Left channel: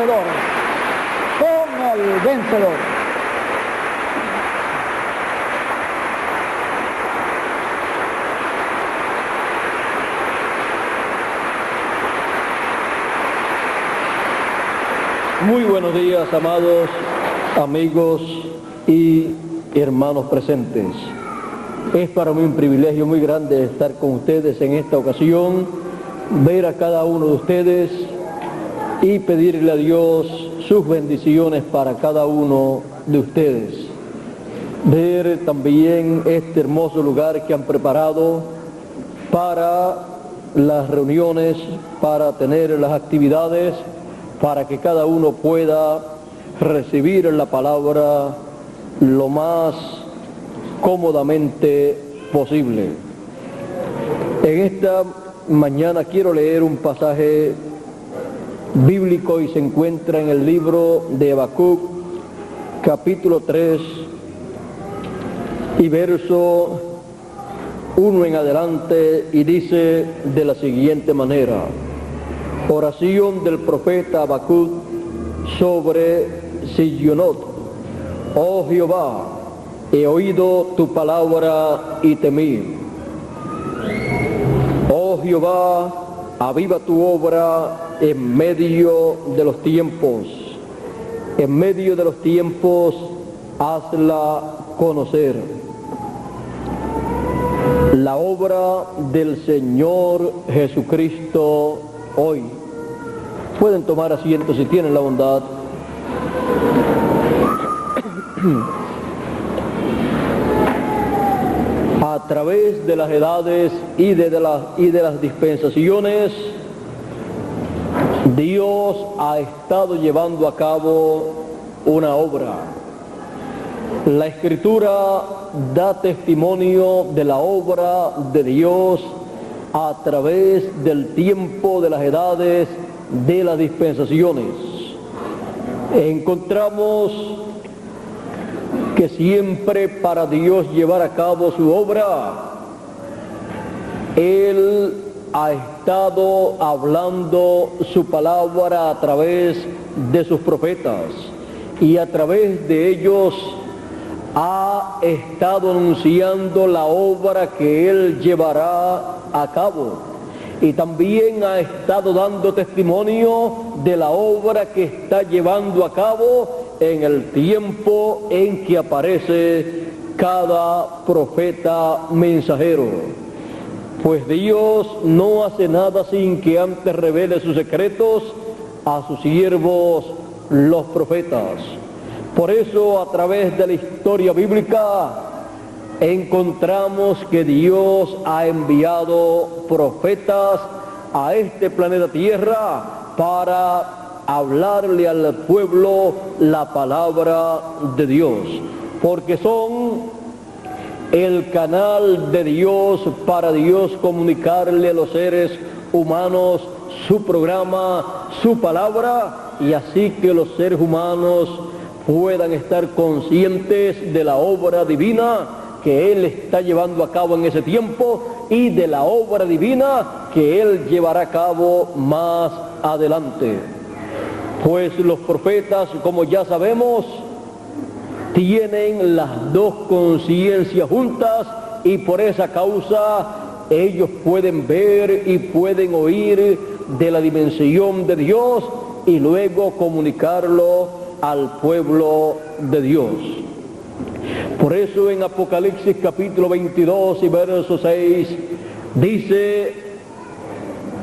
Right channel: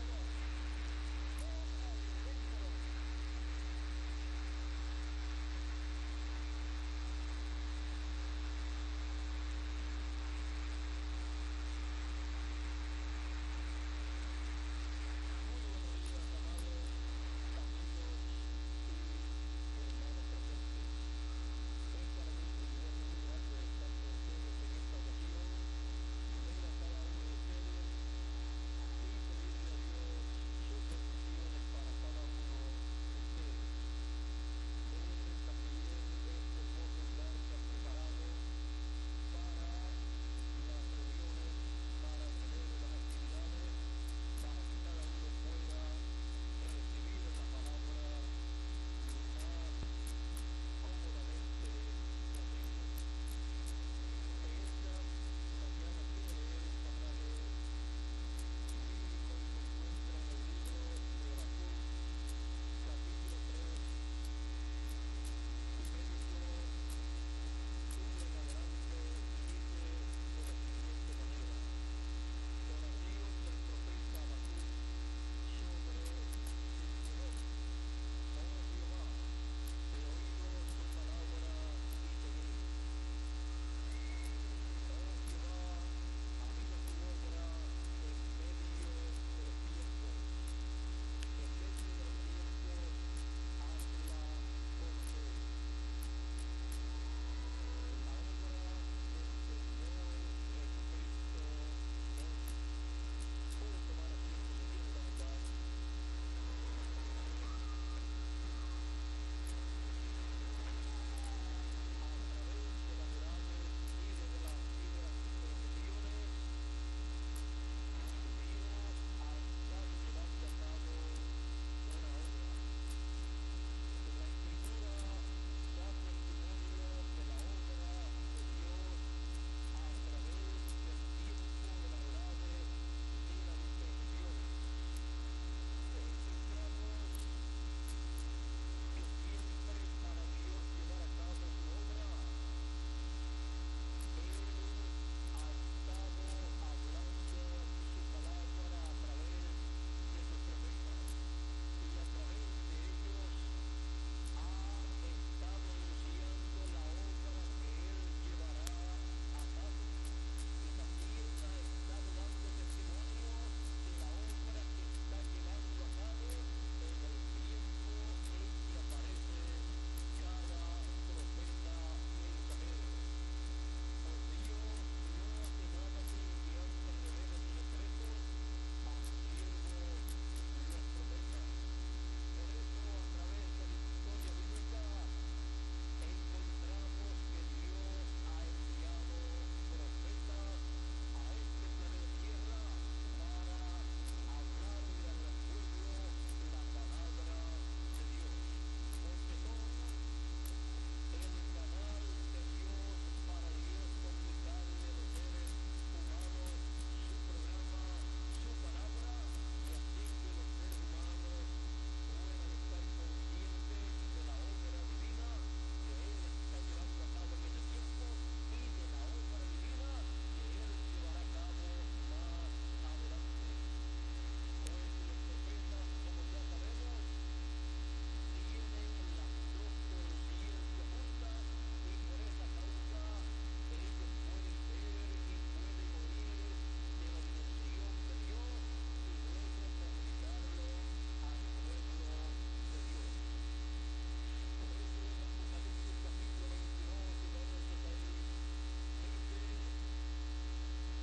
vencedor, con el vencedor. Muy buenos días, amados amigos y hermanos presentes. Es para mí un privilegio muy grande estar con ustedes en esta ocasión, ver a cada uno de ustedes y pedirle a Dios sus bendiciones para cada uno de ustedes. Ver también este hermoso lugar que han preparado para las reuniones, para tener las actividades, para que cada uno pueda recibir la palabra lo más cómodamente posible. En esta mañana quiero leer un pasaje bíblico y se encuentra en el libro de Habacuc, capítulo 3 y verso 1 en adelante, y dice de la siguiente manera: oración del profeta Habacuc sobre Sionot. Oh Jehová, he oído tu palabra y temí. Oh Jehová, aviva tu obra en medio de los tiempos. En medio de los tiempos, hazla conocer. La obra del Señor Jesucristo hoy. Pueden tomar asiento si tienen la bondad. A través de las edades y de las dispensaciones, Dios ha estado llevando a cabo una obra. La Escritura da testimonio de la obra de Dios a través del tiempo, de las edades, de las dispensaciones. Encontramos que siempre para Dios llevar a cabo su obra, Él ha estado hablando su palabra a través de sus profetas, y a través de ellos ha estado anunciando la obra que Él llevará a cabo, y también ha estado dando testimonio de la obra que está llevando a cabo en el tiempo en que aparece cada profeta mensajero. Pues Dios no hace nada sin que antes revele sus secretos a sus siervos, los profetas. Por eso, a través de la historia bíblica, encontramos que Dios ha enviado profetas a este planeta Tierra para hablarle al pueblo la palabra de Dios, porque son el canal de Dios para Dios comunicarle a los seres humanos su programa, su palabra, y así que los seres humanos puedan estar conscientes de la obra divina que Él está llevando a cabo en ese tiempo y de la obra divina que Él llevará a cabo más adelante. Pues los profetas, como ya sabemos, tienen las dos conciencias juntas, y por esa causa ellos pueden ver y pueden oír de la dimensión de Dios y luego comunicarlo al pueblo de Dios. Por eso en Apocalipsis capítulo 22 y verso 6 dice:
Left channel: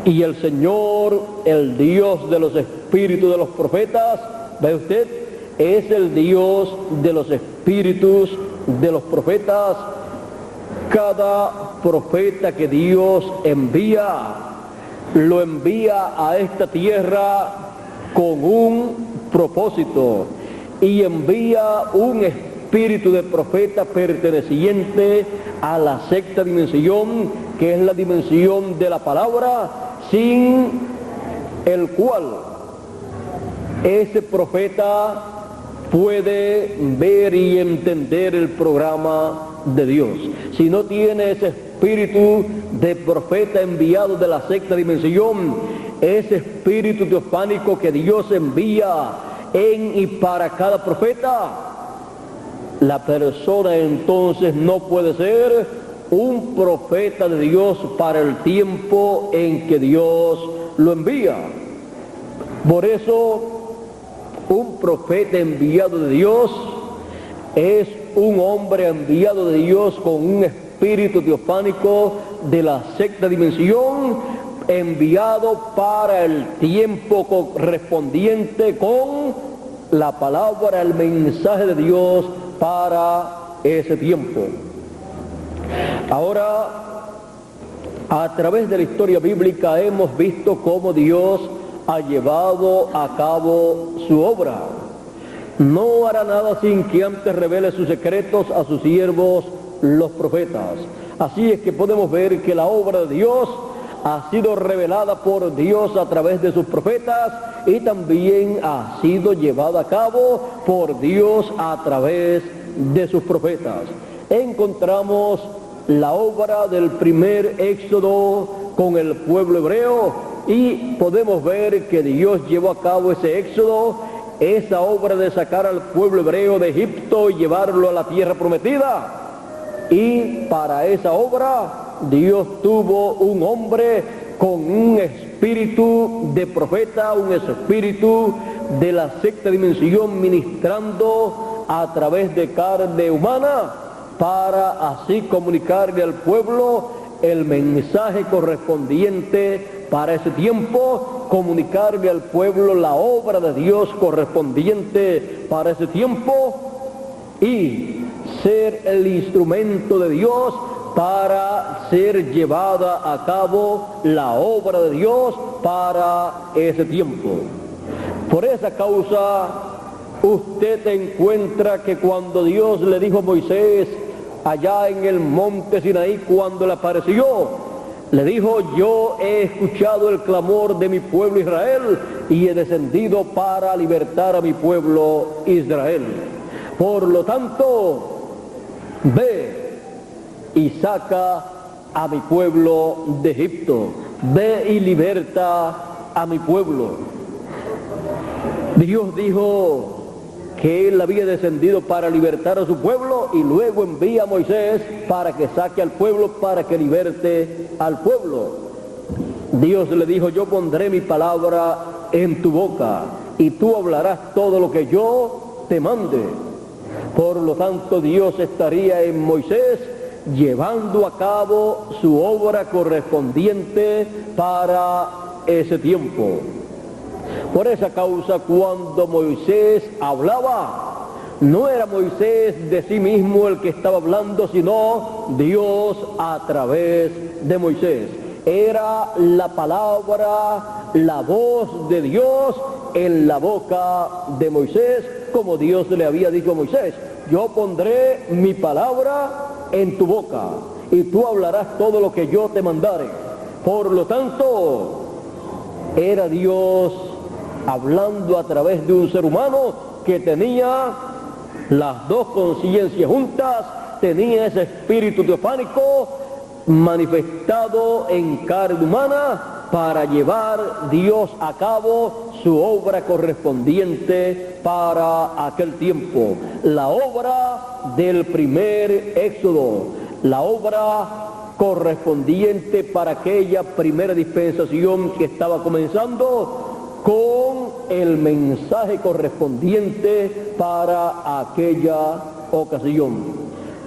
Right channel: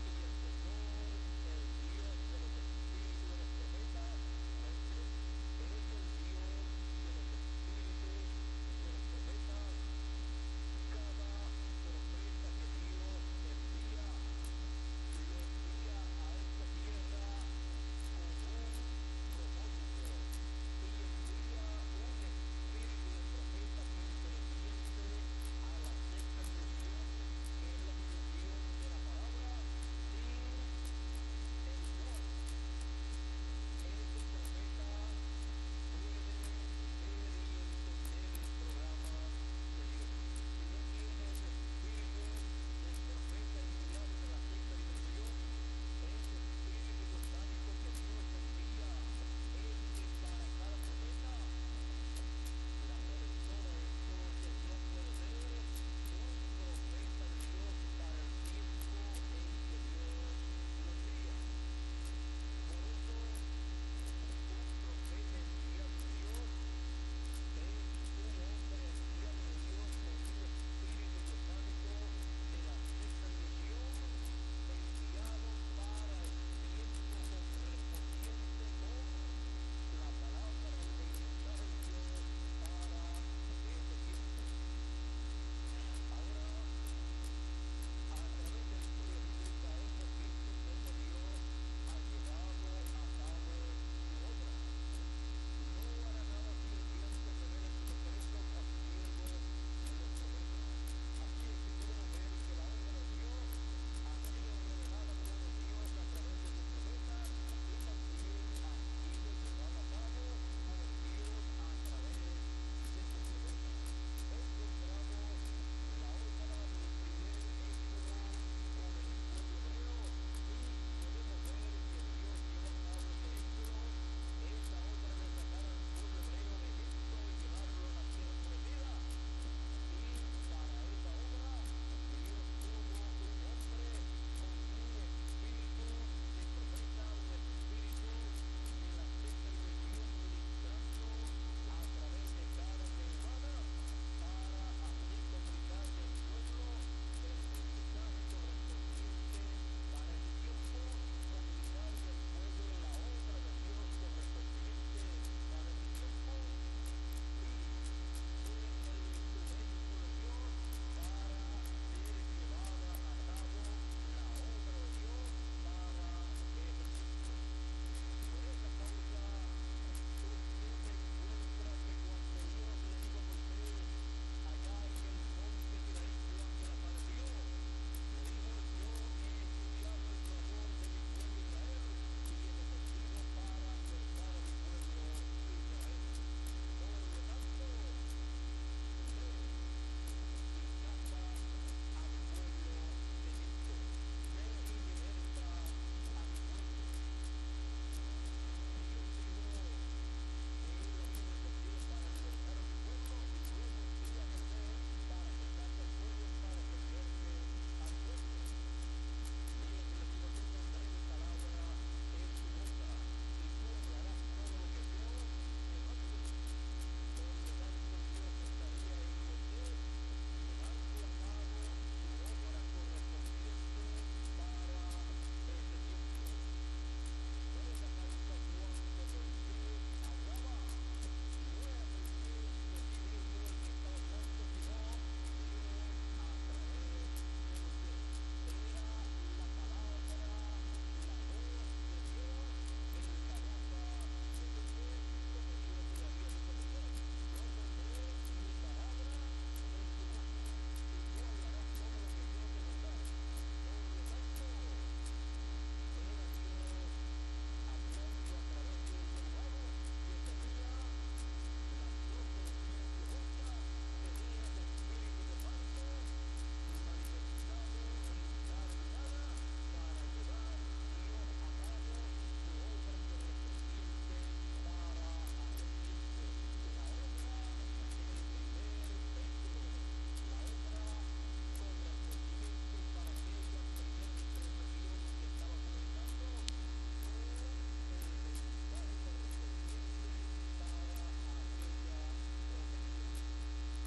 y el Señor, el Dios de los espíritus de los profetas, ¿ve usted? Es el Dios de los espíritus de los profetas. Cada profeta que Dios envía, lo envía a esta tierra con un propósito, y envía un espíritu de profeta perteneciente a la sexta dimensión, que es la dimensión de la palabra, sin el cual ese profeta puede ver y entender el programa de Dios. Si no tiene ese espíritu de profeta enviado de la sexta dimensión, ese espíritu teofánico que Dios envía en y para cada profeta, la persona entonces no puede ser un profeta de Dios para el tiempo en que Dios lo envía. Por eso, un profeta enviado de Dios es un hombre enviado de Dios con un espíritu teofánico de la sexta dimensión, enviado para el tiempo correspondiente con la palabra, el mensaje de Dios para ese tiempo. Ahora, a través de la historia bíblica hemos visto cómo Dios ha llevado a cabo su obra. No hará nada sin que antes revele sus secretos a sus siervos, los profetas. Así es que podemos ver que la obra de Dios ha sido revelada por Dios a través de sus profetas y también ha sido llevada a cabo por Dios a través de sus profetas. Encontramos la obra del primer éxodo con el pueblo hebreo y podemos ver que Dios llevó a cabo ese éxodo, esa obra de sacar al pueblo hebreo de Egipto y llevarlo a la tierra prometida. Y para esa obra Dios tuvo un hombre con un espíritu de profeta, un espíritu de la sexta dimensión, ministrando a través de carne humana para así comunicarle al pueblo el mensaje correspondiente para ese tiempo, comunicarle al pueblo la obra de Dios correspondiente para ese tiempo y ser el instrumento de Dios para ser llevada a cabo la obra de Dios para ese tiempo. Por esa causa, usted encuentra que cuando Dios le dijo a Moisés, allá en el monte Sinaí, cuando le apareció, le dijo: yo he escuchado el clamor de mi pueblo Israel y he descendido para libertar a mi pueblo Israel. Por lo tanto, ve y saca a mi pueblo de Egipto, ve y liberta a mi pueblo. Dios dijo que él había descendido para libertar a su pueblo y luego envía a Moisés para que saque al pueblo, para que liberte al pueblo. Dios le dijo: yo pondré mi palabra en tu boca y tú hablarás todo lo que yo te mande. Por lo tanto, Dios estaría en Moisés llevando a cabo su obra correspondiente para ese tiempo. Por esa causa, cuando Moisés hablaba, no era Moisés de sí mismo el que estaba hablando, sino Dios a través de Moisés. Era la palabra, la voz de Dios en la boca de Moisés, como Dios le había dicho a Moisés: yo pondré mi palabra en tu boca y tú hablarás todo lo que yo te mandare. Por lo tanto, era Dios hablando a través de un ser humano que tenía las dos conciencias juntas, tenía ese espíritu teofánico manifestado en carne humana para llevar Dios a cabo su obra correspondiente para aquel tiempo. La obra del primer éxodo, la obra correspondiente para aquella primera dispensación que estaba comenzando, con el mensaje correspondiente para aquella ocasión.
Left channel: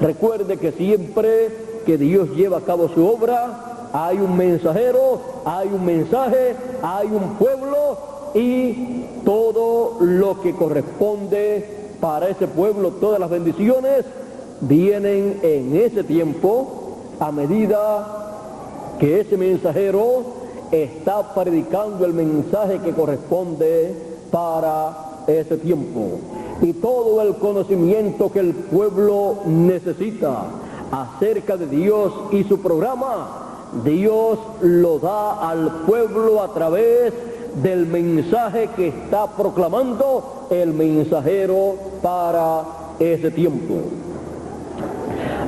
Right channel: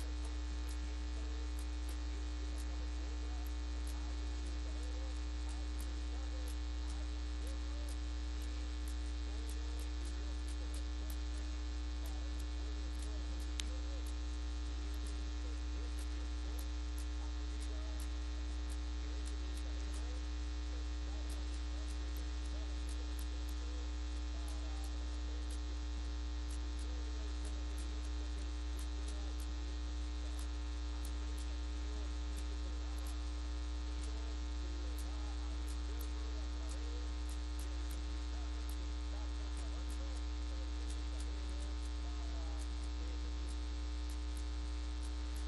Recuerde que siempre que Dios lleva a cabo su obra, hay un mensajero, hay un mensaje, hay un pueblo y todo lo que corresponde para ese pueblo, todas las bendiciones vienen en ese tiempo a medida que ese mensajero está predicando el mensaje que corresponde para ese tiempo. Y todo el conocimiento que el pueblo necesita acerca de Dios y su programa, Dios lo da al pueblo a través del mensaje que está proclamando el mensajero para ese tiempo.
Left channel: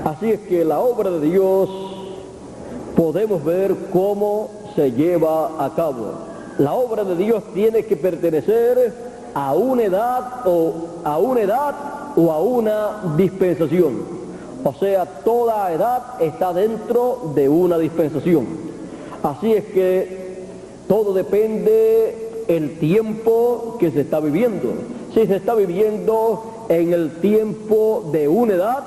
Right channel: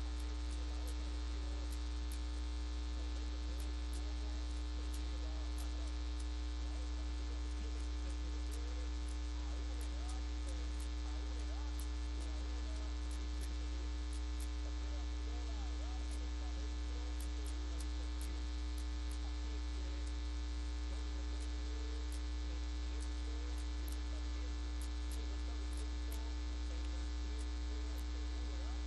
Así es que la obra de Dios podemos ver cómo se lleva a cabo. La obra de Dios tiene que pertenecer a una edad o a una dispensación. O sea, toda edad está dentro de una dispensación. Así es que todo depende del tiempo que se está viviendo. Si se está viviendo en el tiempo de una edad,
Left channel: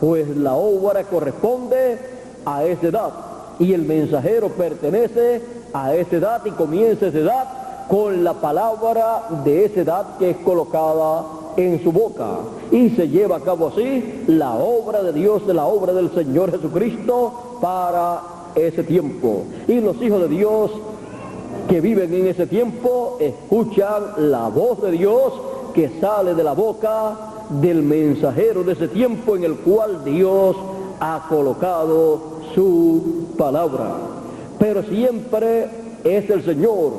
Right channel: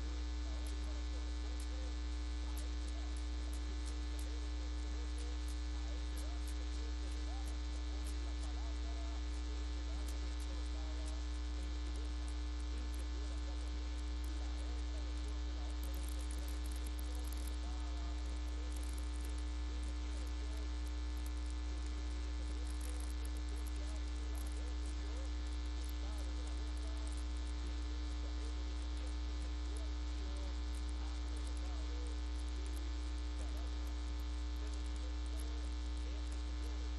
pues la obra corresponde a esa edad. Y el mensajero pertenece a esa edad y comienza esa edad con la palabra de esa edad que es colocada en su boca. Y se lleva a cabo así la obra de Dios, la obra del Señor Jesucristo para ese tiempo. Y los hijos de Dios que viven en ese tiempo escuchan la voz de Dios que sale de la boca del mensajero de ese tiempo en el cual Dios ha colocado su palabra. Pero siempre es el Señor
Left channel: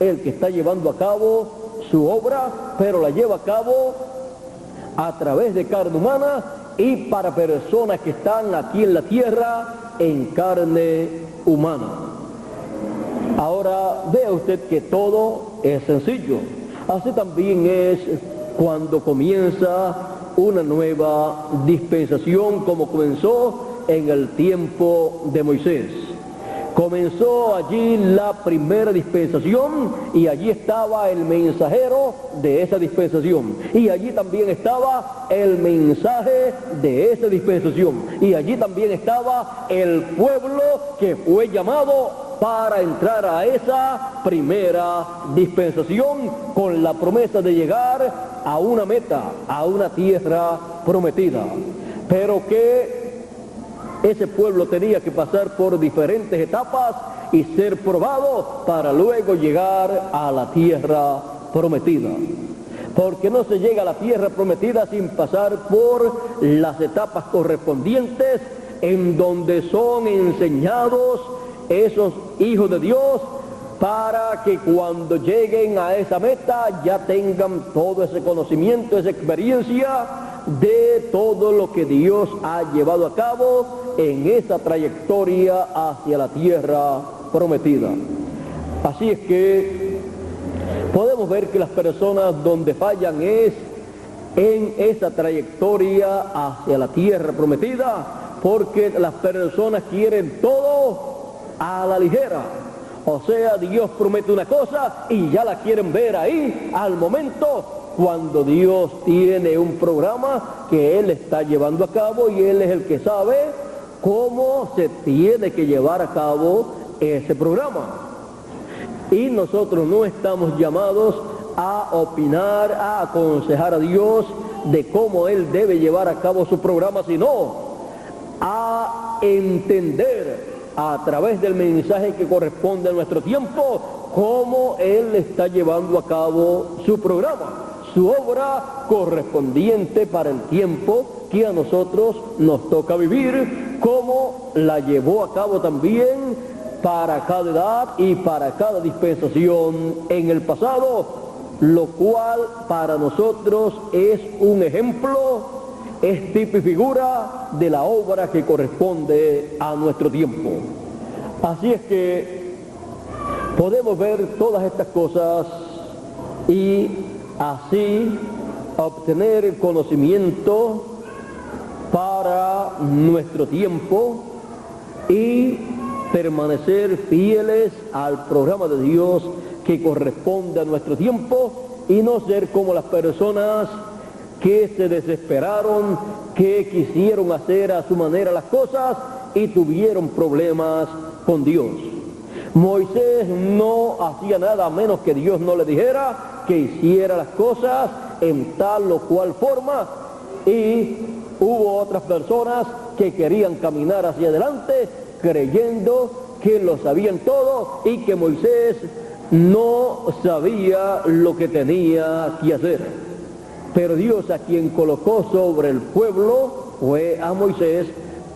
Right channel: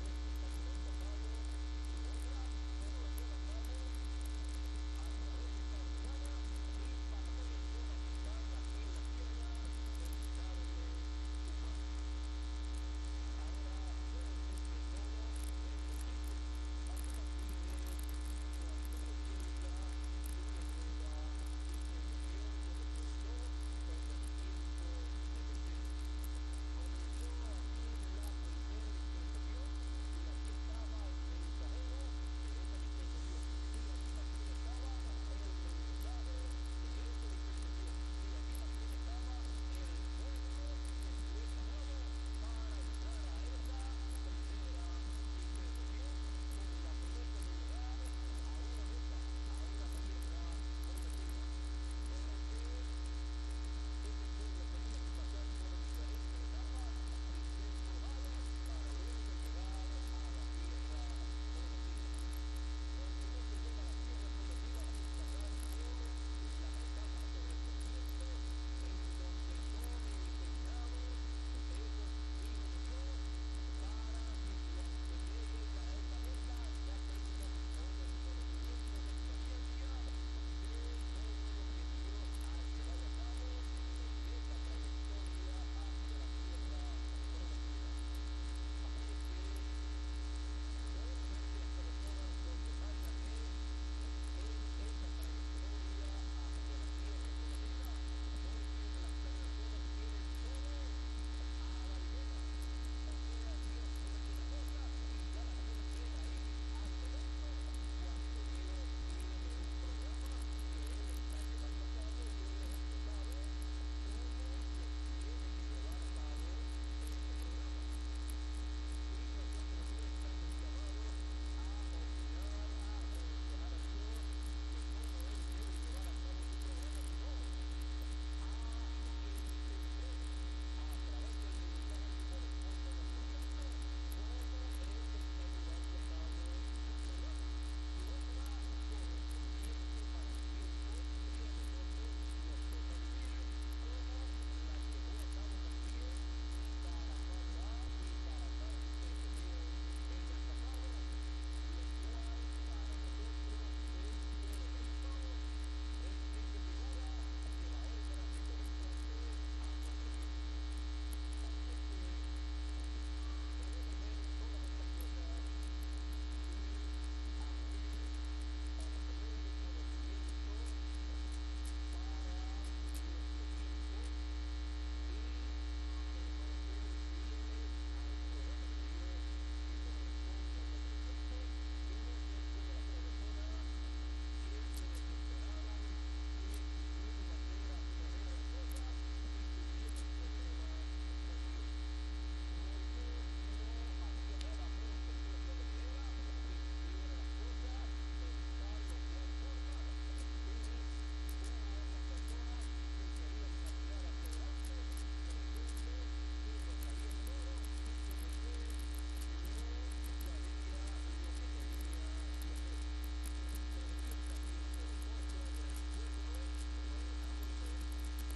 el que está llevando a cabo su obra, pero la lleva a cabo a través de carne humana y para personas que están aquí en la tierra en carne humana. Ahora vea usted que todo es sencillo. Así también es cuando comienza una nueva dispensación, como comenzó en el tiempo de Moisés. Comenzó allí la primera dispensación y allí estaba el mensajero de esa dispensación. Y allí también estaba el mensaje de esa dispensación. Y allí también estaba el pueblo que fue llamado para entrar a esa primera dispensación con la promesa de llegar a una meta, a una tierra prometida. Pero que ese pueblo tenía que pasar por diferentes etapas y ser probado para luego llegar a la tierra prometida. Porque no se llega a la tierra prometida sin pasar por las etapas correspondientes en donde son enseñados esos hijos de Dios para que cuando lleguen a esa meta ya tengan todo ese conocimiento, esa experiencia de todo lo que Dios ha llevado a cabo en esa trayectoria hacia la tierra prometida. Así es que podemos ver que las personas donde fallan es en esa trayectoria hacia la tierra prometida, porque las personas quieren todo a la ligera. O sea, Dios promete una cosa y ya la quieren ver ahí al momento, cuando Dios tiene un programa que Él está llevando a cabo y Él es el que sabe cómo se tiene que llevar a cabo ese programa. Y nosotros no estamos llamados a opinar, a aconsejar a Dios de cómo Él debe llevar a cabo su programa, sino a entender a través del mensaje que corresponde a nuestro tiempo cómo Él está llevando a cabo su programa, su obra correspondiente para el tiempo que a nosotros nos toca vivir, como la llevó a cabo también para cada edad y para cada dispensación en el pasado, lo cual para nosotros es un ejemplo, es tipo y figura de la obra que corresponde a nuestro tiempo. Así es que podemos ver todas estas cosas y así obtener conocimiento para nuestro tiempo y permanecer fieles al programa de Dios que corresponde a nuestro tiempo y no ser como las personas que se desesperaron, que quisieron hacer a su manera las cosas y tuvieron problemas con Dios. Moisés no hacía nada a menos que Dios no le dijera que hiciera las cosas en tal o cual forma, y hubo otras personas que querían caminar hacia adelante creyendo que lo sabían todo y que Moisés no sabía lo que tenía que hacer. Pero Dios, a quien colocó sobre el pueblo fue a Moisés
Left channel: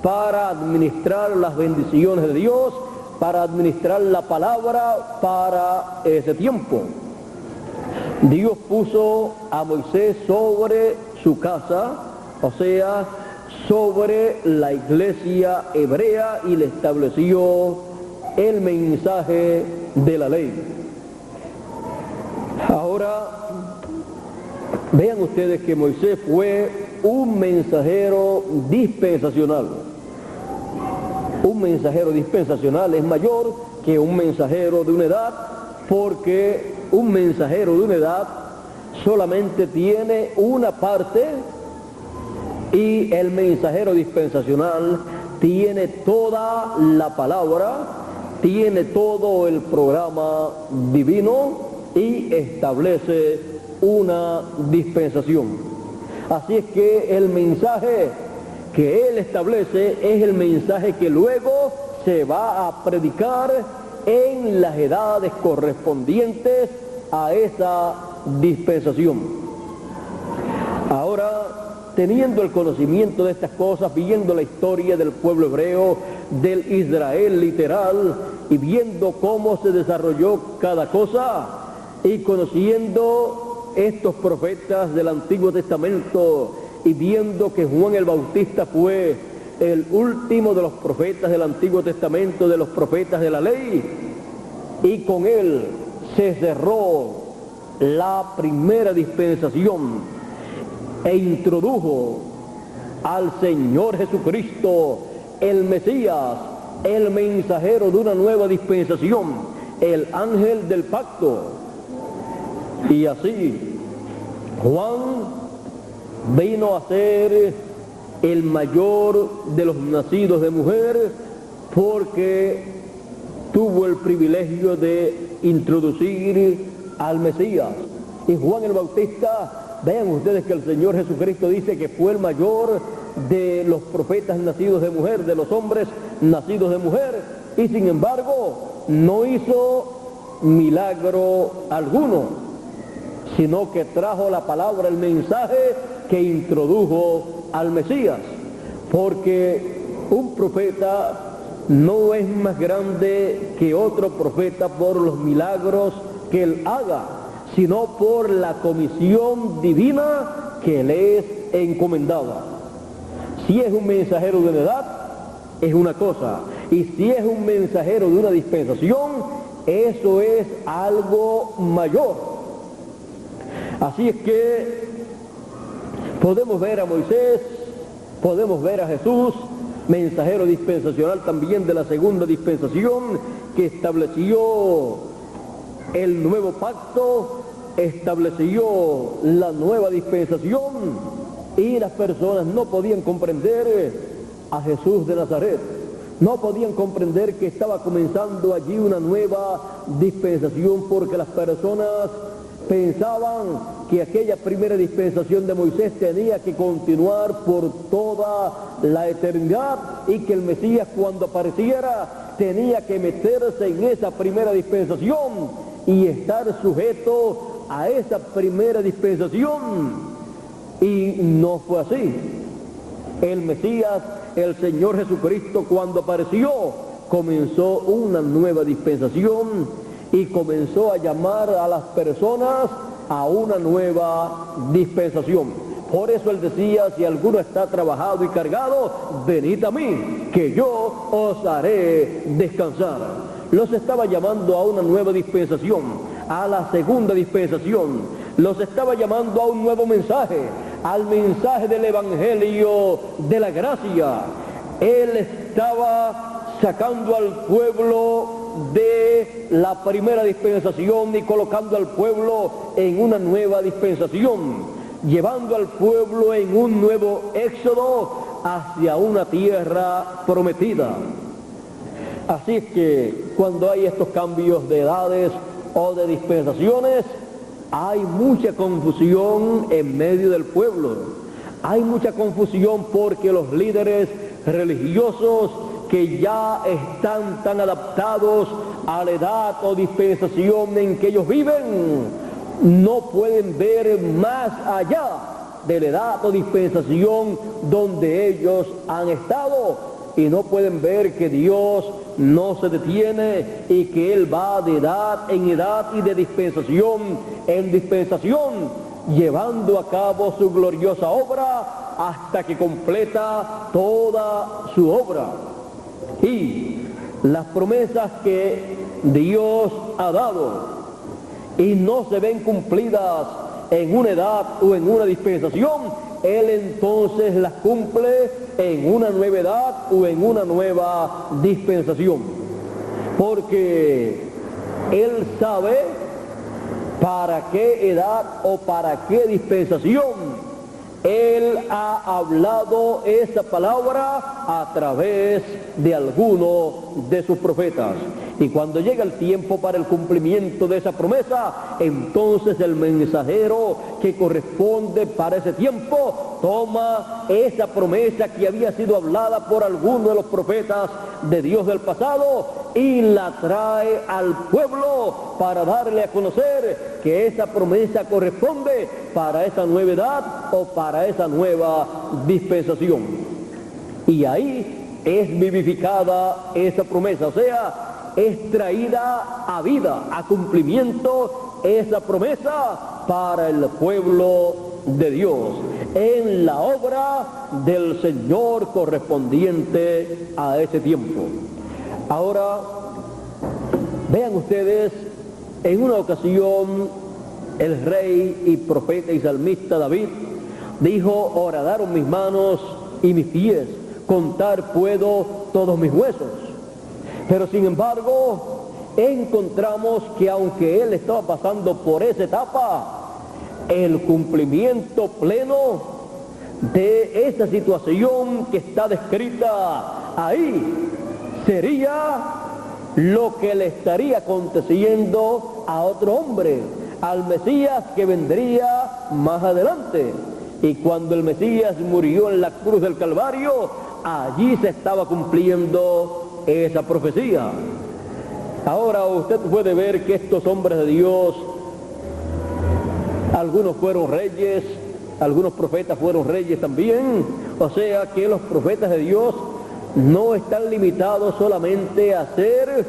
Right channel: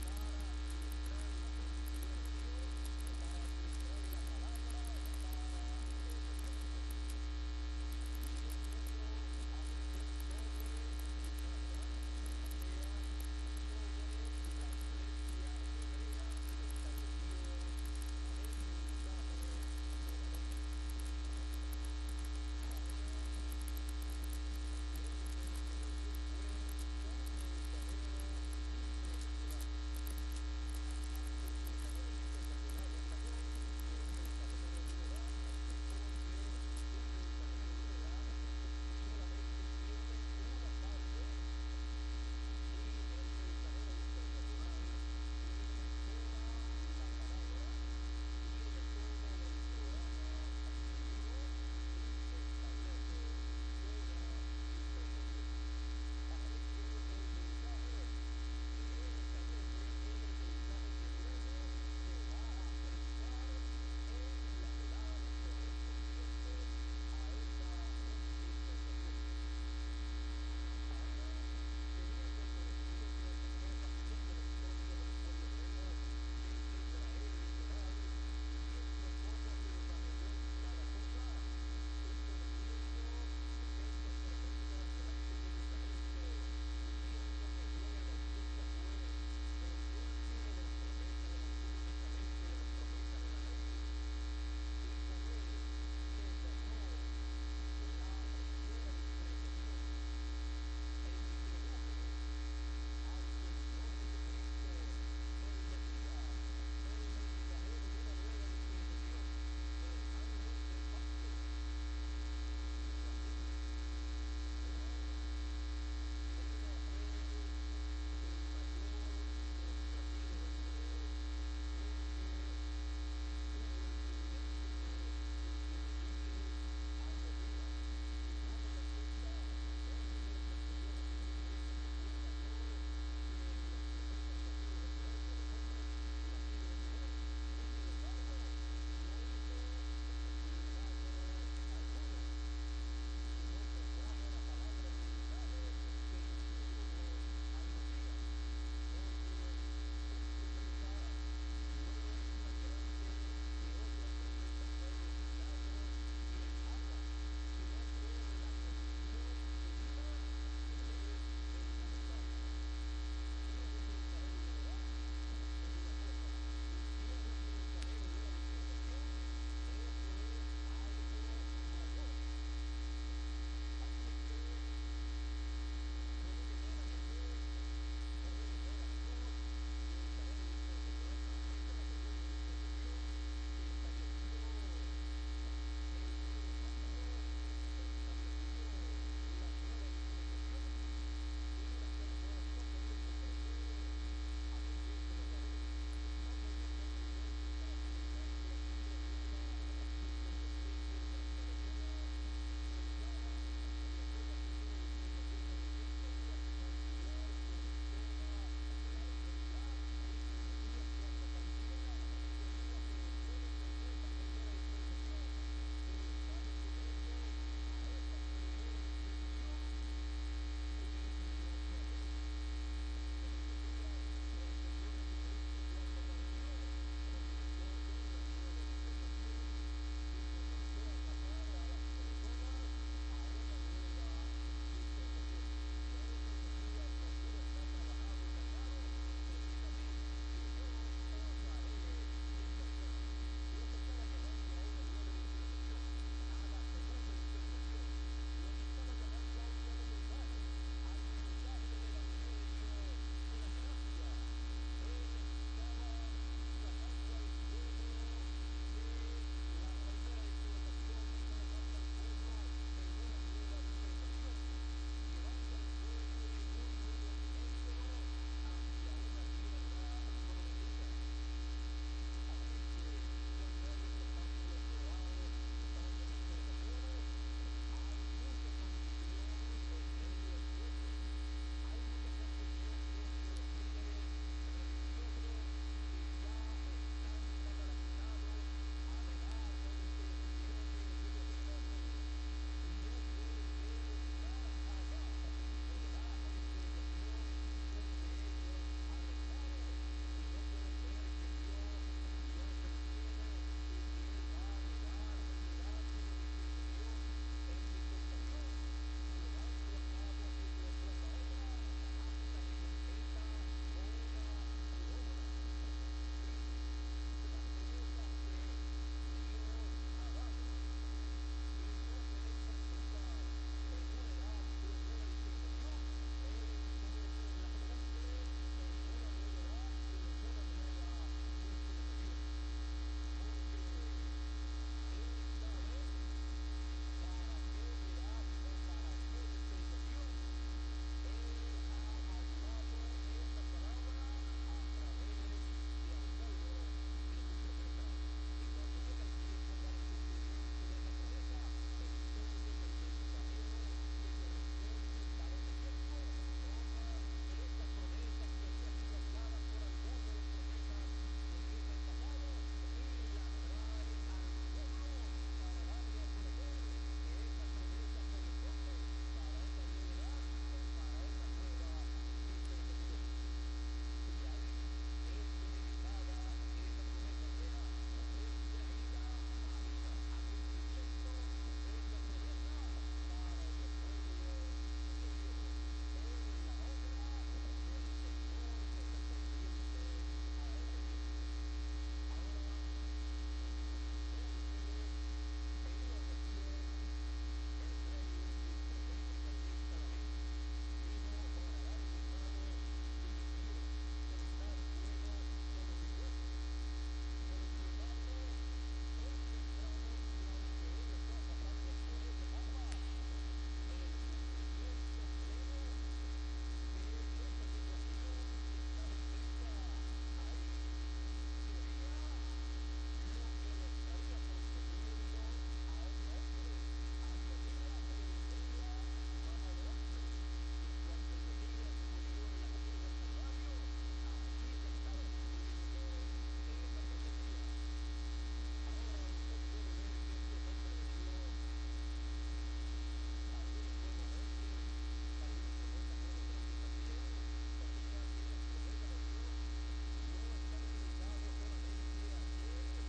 para administrar las bendiciones de Dios, para administrar la palabra para ese tiempo. Dios puso a Moisés sobre su casa, o sea, sobre la iglesia hebrea y le estableció el mensaje de la ley. Ahora, vean ustedes que Moisés fue un mensajero dispensacional. Un mensajero dispensacional es mayor que un mensajero de una edad, porque un mensajero de una edad solamente tiene una parte y el mensajero dispensacional tiene toda la palabra, tiene todo el programa divino y establece una dispensación. Así es que el mensaje que él establece es el mensaje que luego se va a predicar en las edades correspondientes a esa dispensación. Ahora, teniendo el conocimiento de estas cosas, viendo la historia del pueblo hebreo, del Israel literal, y viendo cómo se desarrolló cada cosa, y conociendo estos profetas del Antiguo Testamento, y viendo que Juan el Bautista fue el último de los profetas del Antiguo Testamento, de los profetas de la ley, y con él se cerró la primera dispensación e introdujo al Señor Jesucristo, el Mesías, el mensajero de una nueva dispensación, el ángel del pacto. Y así Juan vino a ser el mayor de los nacidos de mujer, porque tuvo el privilegio de introducir al Mesías. Y Juan el Bautista, vean ustedes que el Señor Jesucristo dice que fue el mayor de los profetas nacidos de mujer, de los hombres nacidos de mujer, y sin embargo no hizo milagro alguno, sino que trajo la palabra, el mensaje que introdujo al Mesías, porque un profeta no es más grande que otro profeta por los milagros que él haga, sino por la comisión divina que le es encomendada. Si es un mensajero de una edad, es una cosa, y si es un mensajero de una dispensación, eso es algo mayor. Así es que podemos ver a Moisés, podemos ver a Jesús, mensajero dispensacional también de la segunda dispensación, que estableció el nuevo pacto, estableció la nueva dispensación, y las personas no podían comprender a Jesús de Nazaret, no podían comprender que estaba comenzando allí una nueva dispensación, porque las personas pensaban que aquella primera dispensación de Moisés tenía que continuar por toda la eternidad, y que el Mesías, cuando apareciera, tenía que meterse en esa primera dispensación y estar sujeto a esa primera dispensación. Y no fue así. El Mesías, el Señor Jesucristo, cuando apareció, comenzó una nueva dispensación y comenzó a llamar a las personas a una nueva dispensación. Por eso él decía: si alguno está trabajado y cargado, venid a mí, que yo os haré descansar. Los estaba llamando a una nueva dispensación, a la segunda dispensación. Los estaba llamando a un nuevo mensaje, al mensaje del Evangelio de la gracia. Él estaba sacando al pueblo de la primera dispensación y colocando al pueblo en una nueva dispensación, llevando al pueblo en un nuevo éxodo hacia una tierra prometida. Así es que cuando hay estos cambios de edades o de dispensaciones, hay mucha confusión en medio del pueblo. Hay mucha confusión porque los líderes religiosos, que ya están tan adaptados a la edad o dispensación en que ellos viven, no pueden ver más allá de la edad o dispensación donde ellos han estado, y no pueden ver que Dios no se detiene y que Él va de edad en edad y de dispensación en dispensación, llevando a cabo su gloriosa obra hasta que completa toda su obra. Y las promesas que Dios ha dado y no se ven cumplidas en una edad o en una dispensación, Él entonces las cumple en una nueva edad o en una nueva dispensación. Porque Él sabe para qué edad o para qué dispensación Él ha hablado esa palabra a través de alguno de sus profetas. Y cuando llega el tiempo para el cumplimiento de esa promesa, entonces el mensajero que corresponde para ese tiempo toma esa promesa que había sido hablada por alguno de los profetas de Dios del pasado y la trae al pueblo para darle a conocer que esa promesa corresponde para esa nueva edad o para esa nueva dispensación. Y ahí es vivificada esa promesa, o sea, es traída a vida, a cumplimiento esa promesa para el pueblo de Dios, en la obra del Señor correspondiente a ese tiempo. Ahora, vean ustedes, en una ocasión el rey y profeta y salmista David dijo: horadaron mis manos y mis pies, contar puedo todos mis huesos. Pero sin embargo, encontramos que aunque él estaba pasando por esa etapa, el cumplimiento pleno de esa situación que está descrita ahí sería lo que le estaría aconteciendo a otro hombre, al Mesías que vendría más adelante. Y cuando el Mesías murió en la cruz del Calvario, allí se estaba cumpliendo esa profecía. Ahora usted puede ver que estos hombres de Dios, algunos fueron reyes, algunos profetas fueron reyes también, o sea que los profetas de Dios no están limitados solamente a ser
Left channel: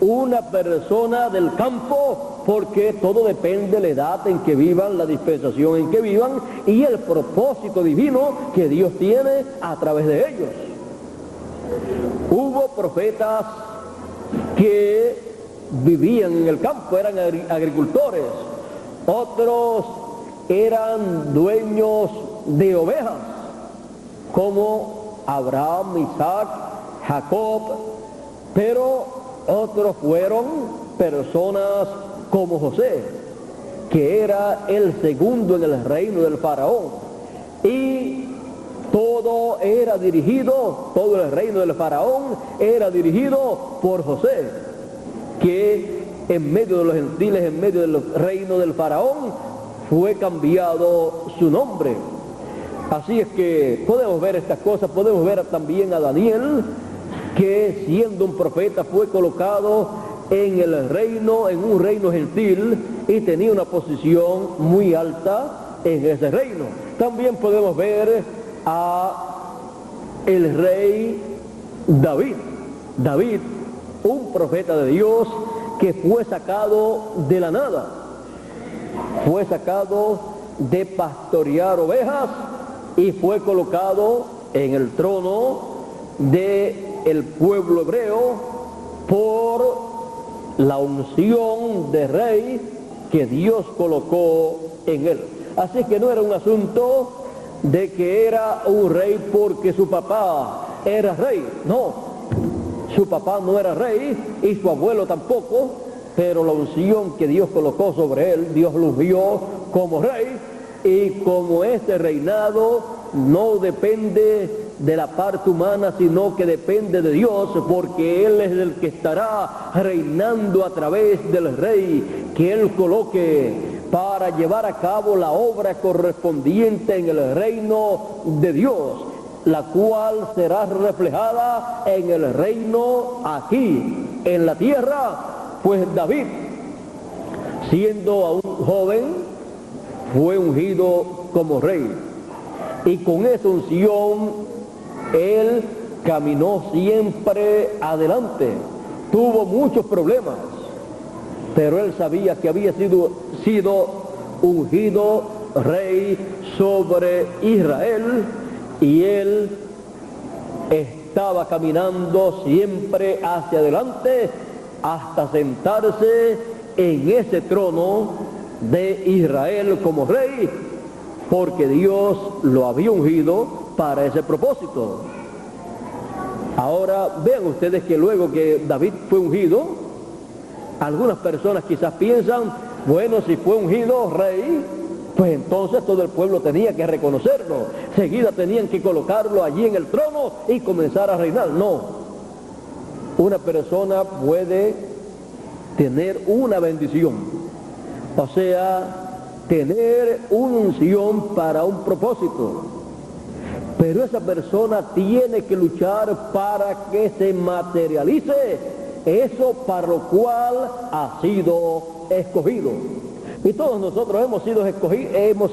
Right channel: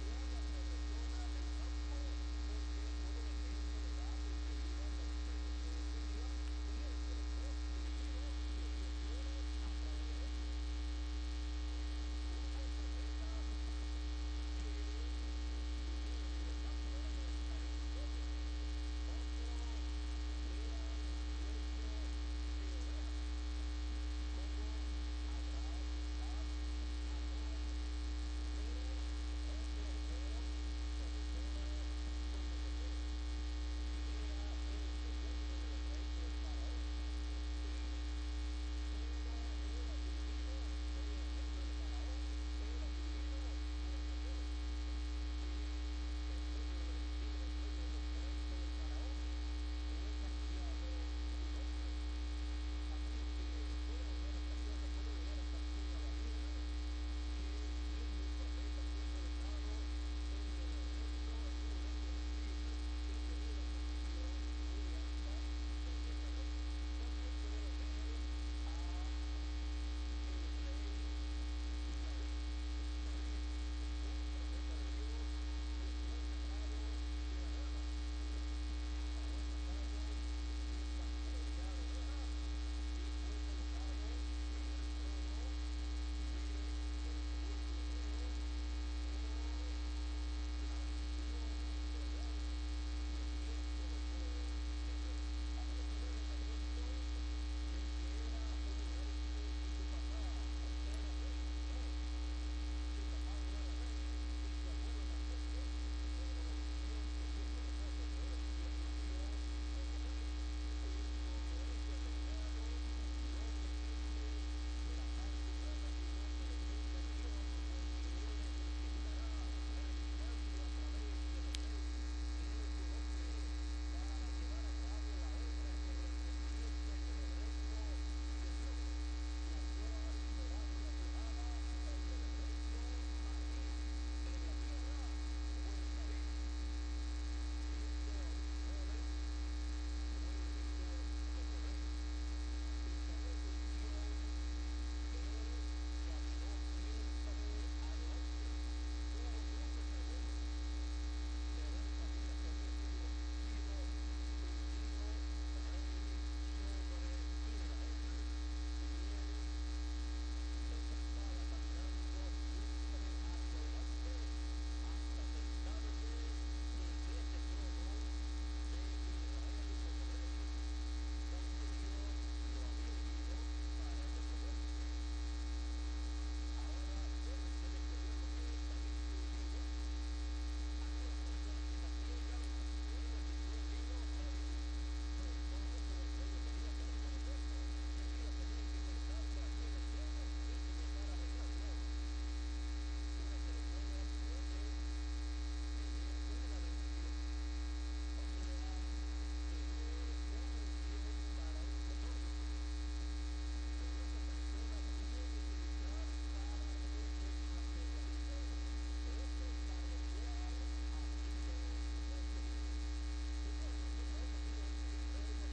una persona del campo, porque todo depende de la edad en que vivan, la dispensación en que vivan y el propósito divino que Dios tiene a través de ellos. Hubo profetas que vivían en el campo, eran agricultores, otros eran dueños de ovejas, como Abraham, Isaac, Jacob, pero otros fueron personas como José, que era el segundo en el reino del faraón, y todo el reino del faraón era dirigido por José, que en medio de los gentiles, en medio del reino del faraón, fue cambiado su nombre. Así es que podemos ver estas cosas, podemos ver también a Daniel, que siendo un profeta fue colocado en el reino, en un reino gentil, y tenía una posición muy alta en ese reino. También podemos ver a el rey David, un profeta de Dios que fue sacado de la nada, fue sacado de pastorear ovejas y fue colocado en el trono del pueblo hebreo por la unción de rey que Dios colocó en él. Así que no era un asunto de que era un rey porque su papá era rey, no, su papá no era rey y su abuelo tampoco, pero la unción que Dios colocó sobre él, Dios lo vio como rey, y como ese reinado no depende de la parte humana, sino que depende de Dios, porque Él es el que estará reinando a través del rey que Él coloque para llevar a cabo la obra correspondiente en el reino de Dios, la cual será reflejada en el reino aquí, en la tierra. Pues David, siendo aún joven, fue ungido como rey, y con esa unción él caminó siempre adelante. Tuvo muchos problemas, pero él sabía que había sido ungido rey sobre Israel, y él estaba caminando siempre hacia adelante hasta sentarse en ese trono de Israel como rey, porque Dios lo había ungido para ese propósito. Ahora vean ustedes que luego que David fue ungido, algunas personas quizás piensan, bueno, si fue ungido rey, pues entonces todo el pueblo tenía que reconocerlo, seguida tenían que colocarlo allí en el trono y comenzar a reinar. No, una persona puede tener una bendición, o sea, tener una unción para un propósito, pero esa persona tiene que luchar para que se materialice eso para lo cual ha sido escogido. Y todos nosotros hemos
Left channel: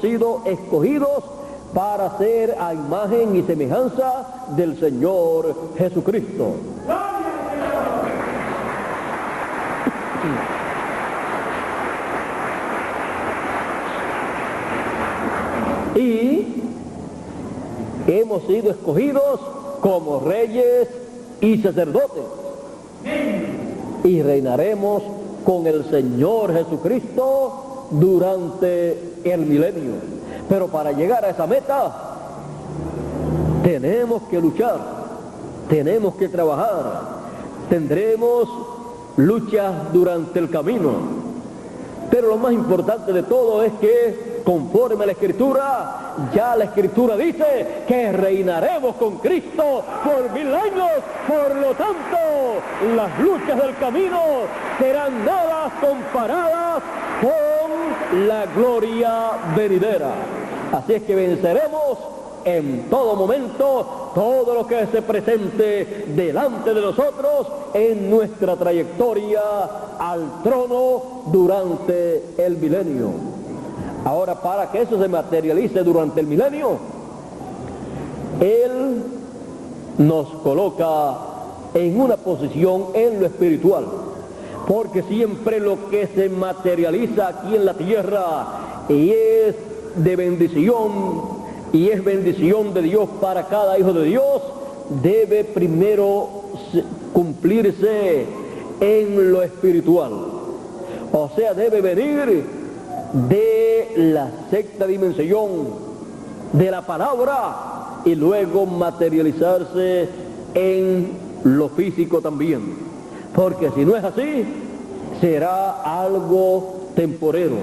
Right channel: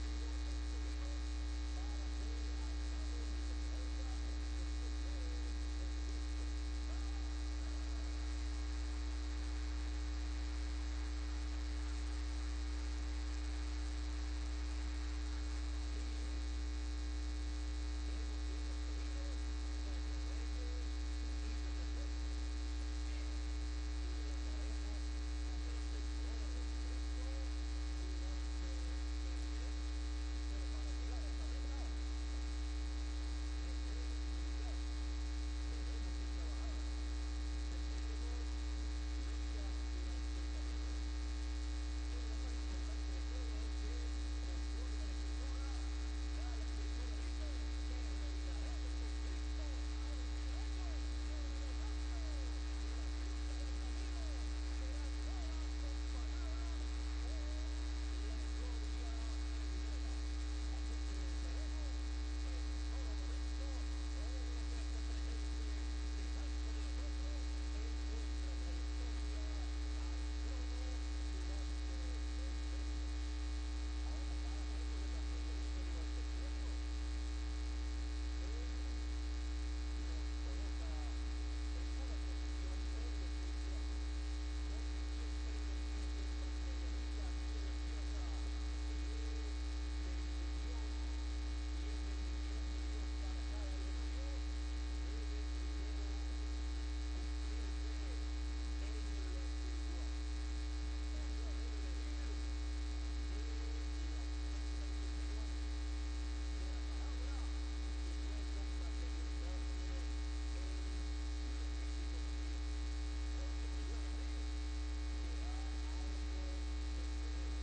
sido escogidos para ser a imagen y semejanza del Señor Jesucristo. Y hemos sido escogidos como reyes y sacerdotes. Y reinaremos con el Señor Jesucristo durante el milenio. Pero para llegar a esa meta tenemos que luchar, tenemos que trabajar, tendremos luchas durante el camino. Pero lo más importante de todo es que, conforme a la Escritura, ya la Escritura dice que reinaremos con Cristo por 1000 años. Por lo tanto, las luchas del camino serán nada comparadas con la gloria venidera. Así es que venceremos en todo momento todo lo que se presente delante de nosotros en nuestra trayectoria al trono durante el milenio. Ahora, para que eso se materialice durante el milenio, Él nos coloca en una posición en lo espiritual, porque siempre lo que se materializa aquí en la tierra y es de bendición, y es bendición de Dios para cada hijo de Dios, debe primero cumplirse en lo espiritual. O sea, debe venir de la sexta dimensión de la palabra y luego materializarse en lo físico también. Porque si no es así, será algo temporero.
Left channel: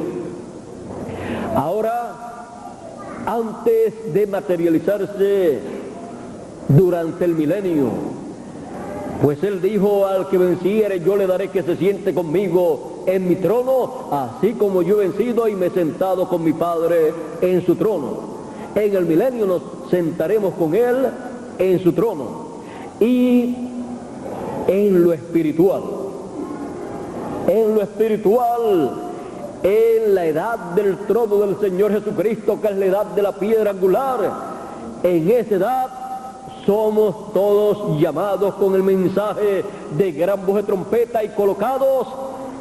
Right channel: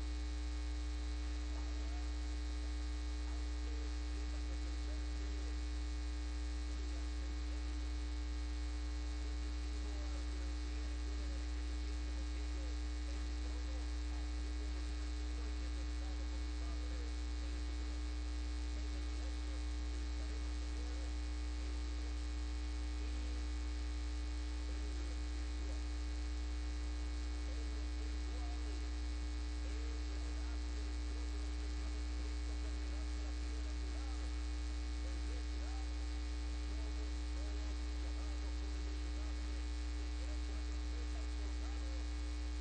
Ahora, antes de materializarse durante el milenio, pues Él dijo: al que venciere yo le daré que se siente conmigo en mi trono, así como yo he vencido y me he sentado con mi Padre en su trono. En el milenio nos sentaremos con Él en su trono. Y en lo espiritual, en la edad del trono del Señor Jesucristo, que es la edad de la piedra angular, en esa edad somos todos llamados con el mensaje de gran voz de trompeta y colocados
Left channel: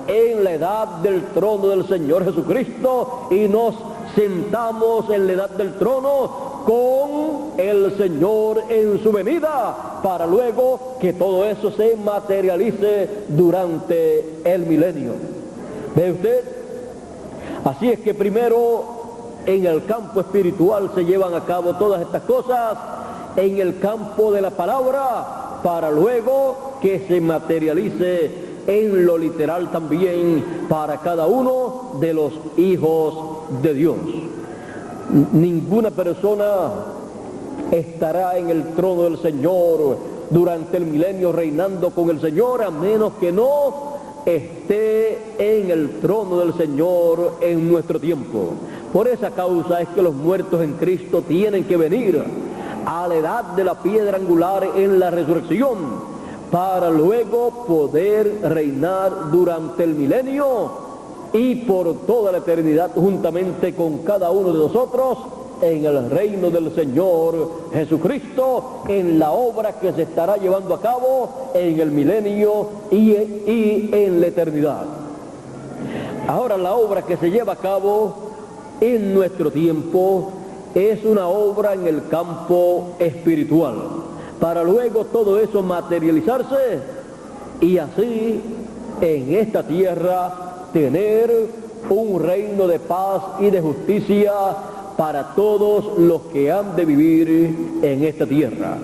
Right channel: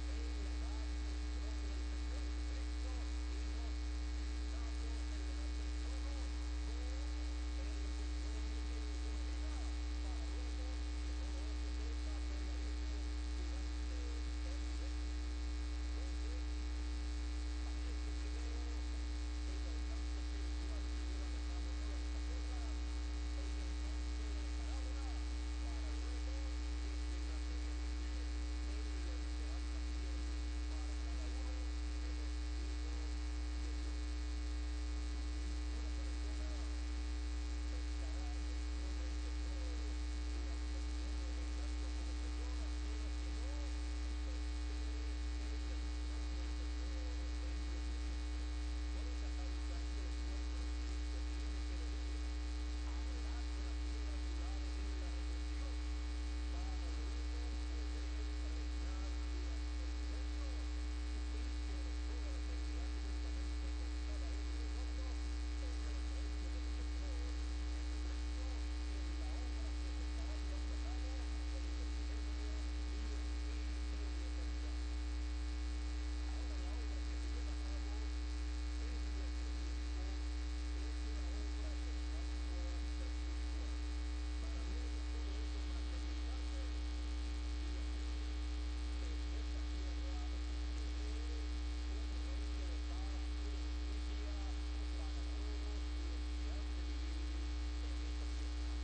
en la edad del trono del Señor Jesucristo, y nos sentamos en la edad del trono con el Señor en su venida, para luego que todo eso se materialice durante el milenio. ¿Ve usted? Así es que primero en el campo espiritual se llevan a cabo todas estas cosas, en el campo de la palabra, para luego que se materialice en lo literal también para cada uno de los hijos de Dios. Ninguna persona estará en el trono del Señor durante el milenio reinando con el Señor, a menos que no esté en el trono del Señor en nuestro tiempo. Por esa causa es que los muertos en Cristo tienen que venir a la edad de la piedra angular en la resurrección, para luego poder reinar durante el milenio y por toda la eternidad juntamente con cada uno de nosotros en el reino del Señor Jesucristo, en la obra que se estará llevando a cabo en el milenio y en la eternidad. Ahora, la obra que se lleva a cabo en nuestro tiempo es una obra en el campo espiritual, para luego todo eso materializarse y así en esta tierra tener un reino de paz y de justicia para todos los que han de vivir en esta tierra.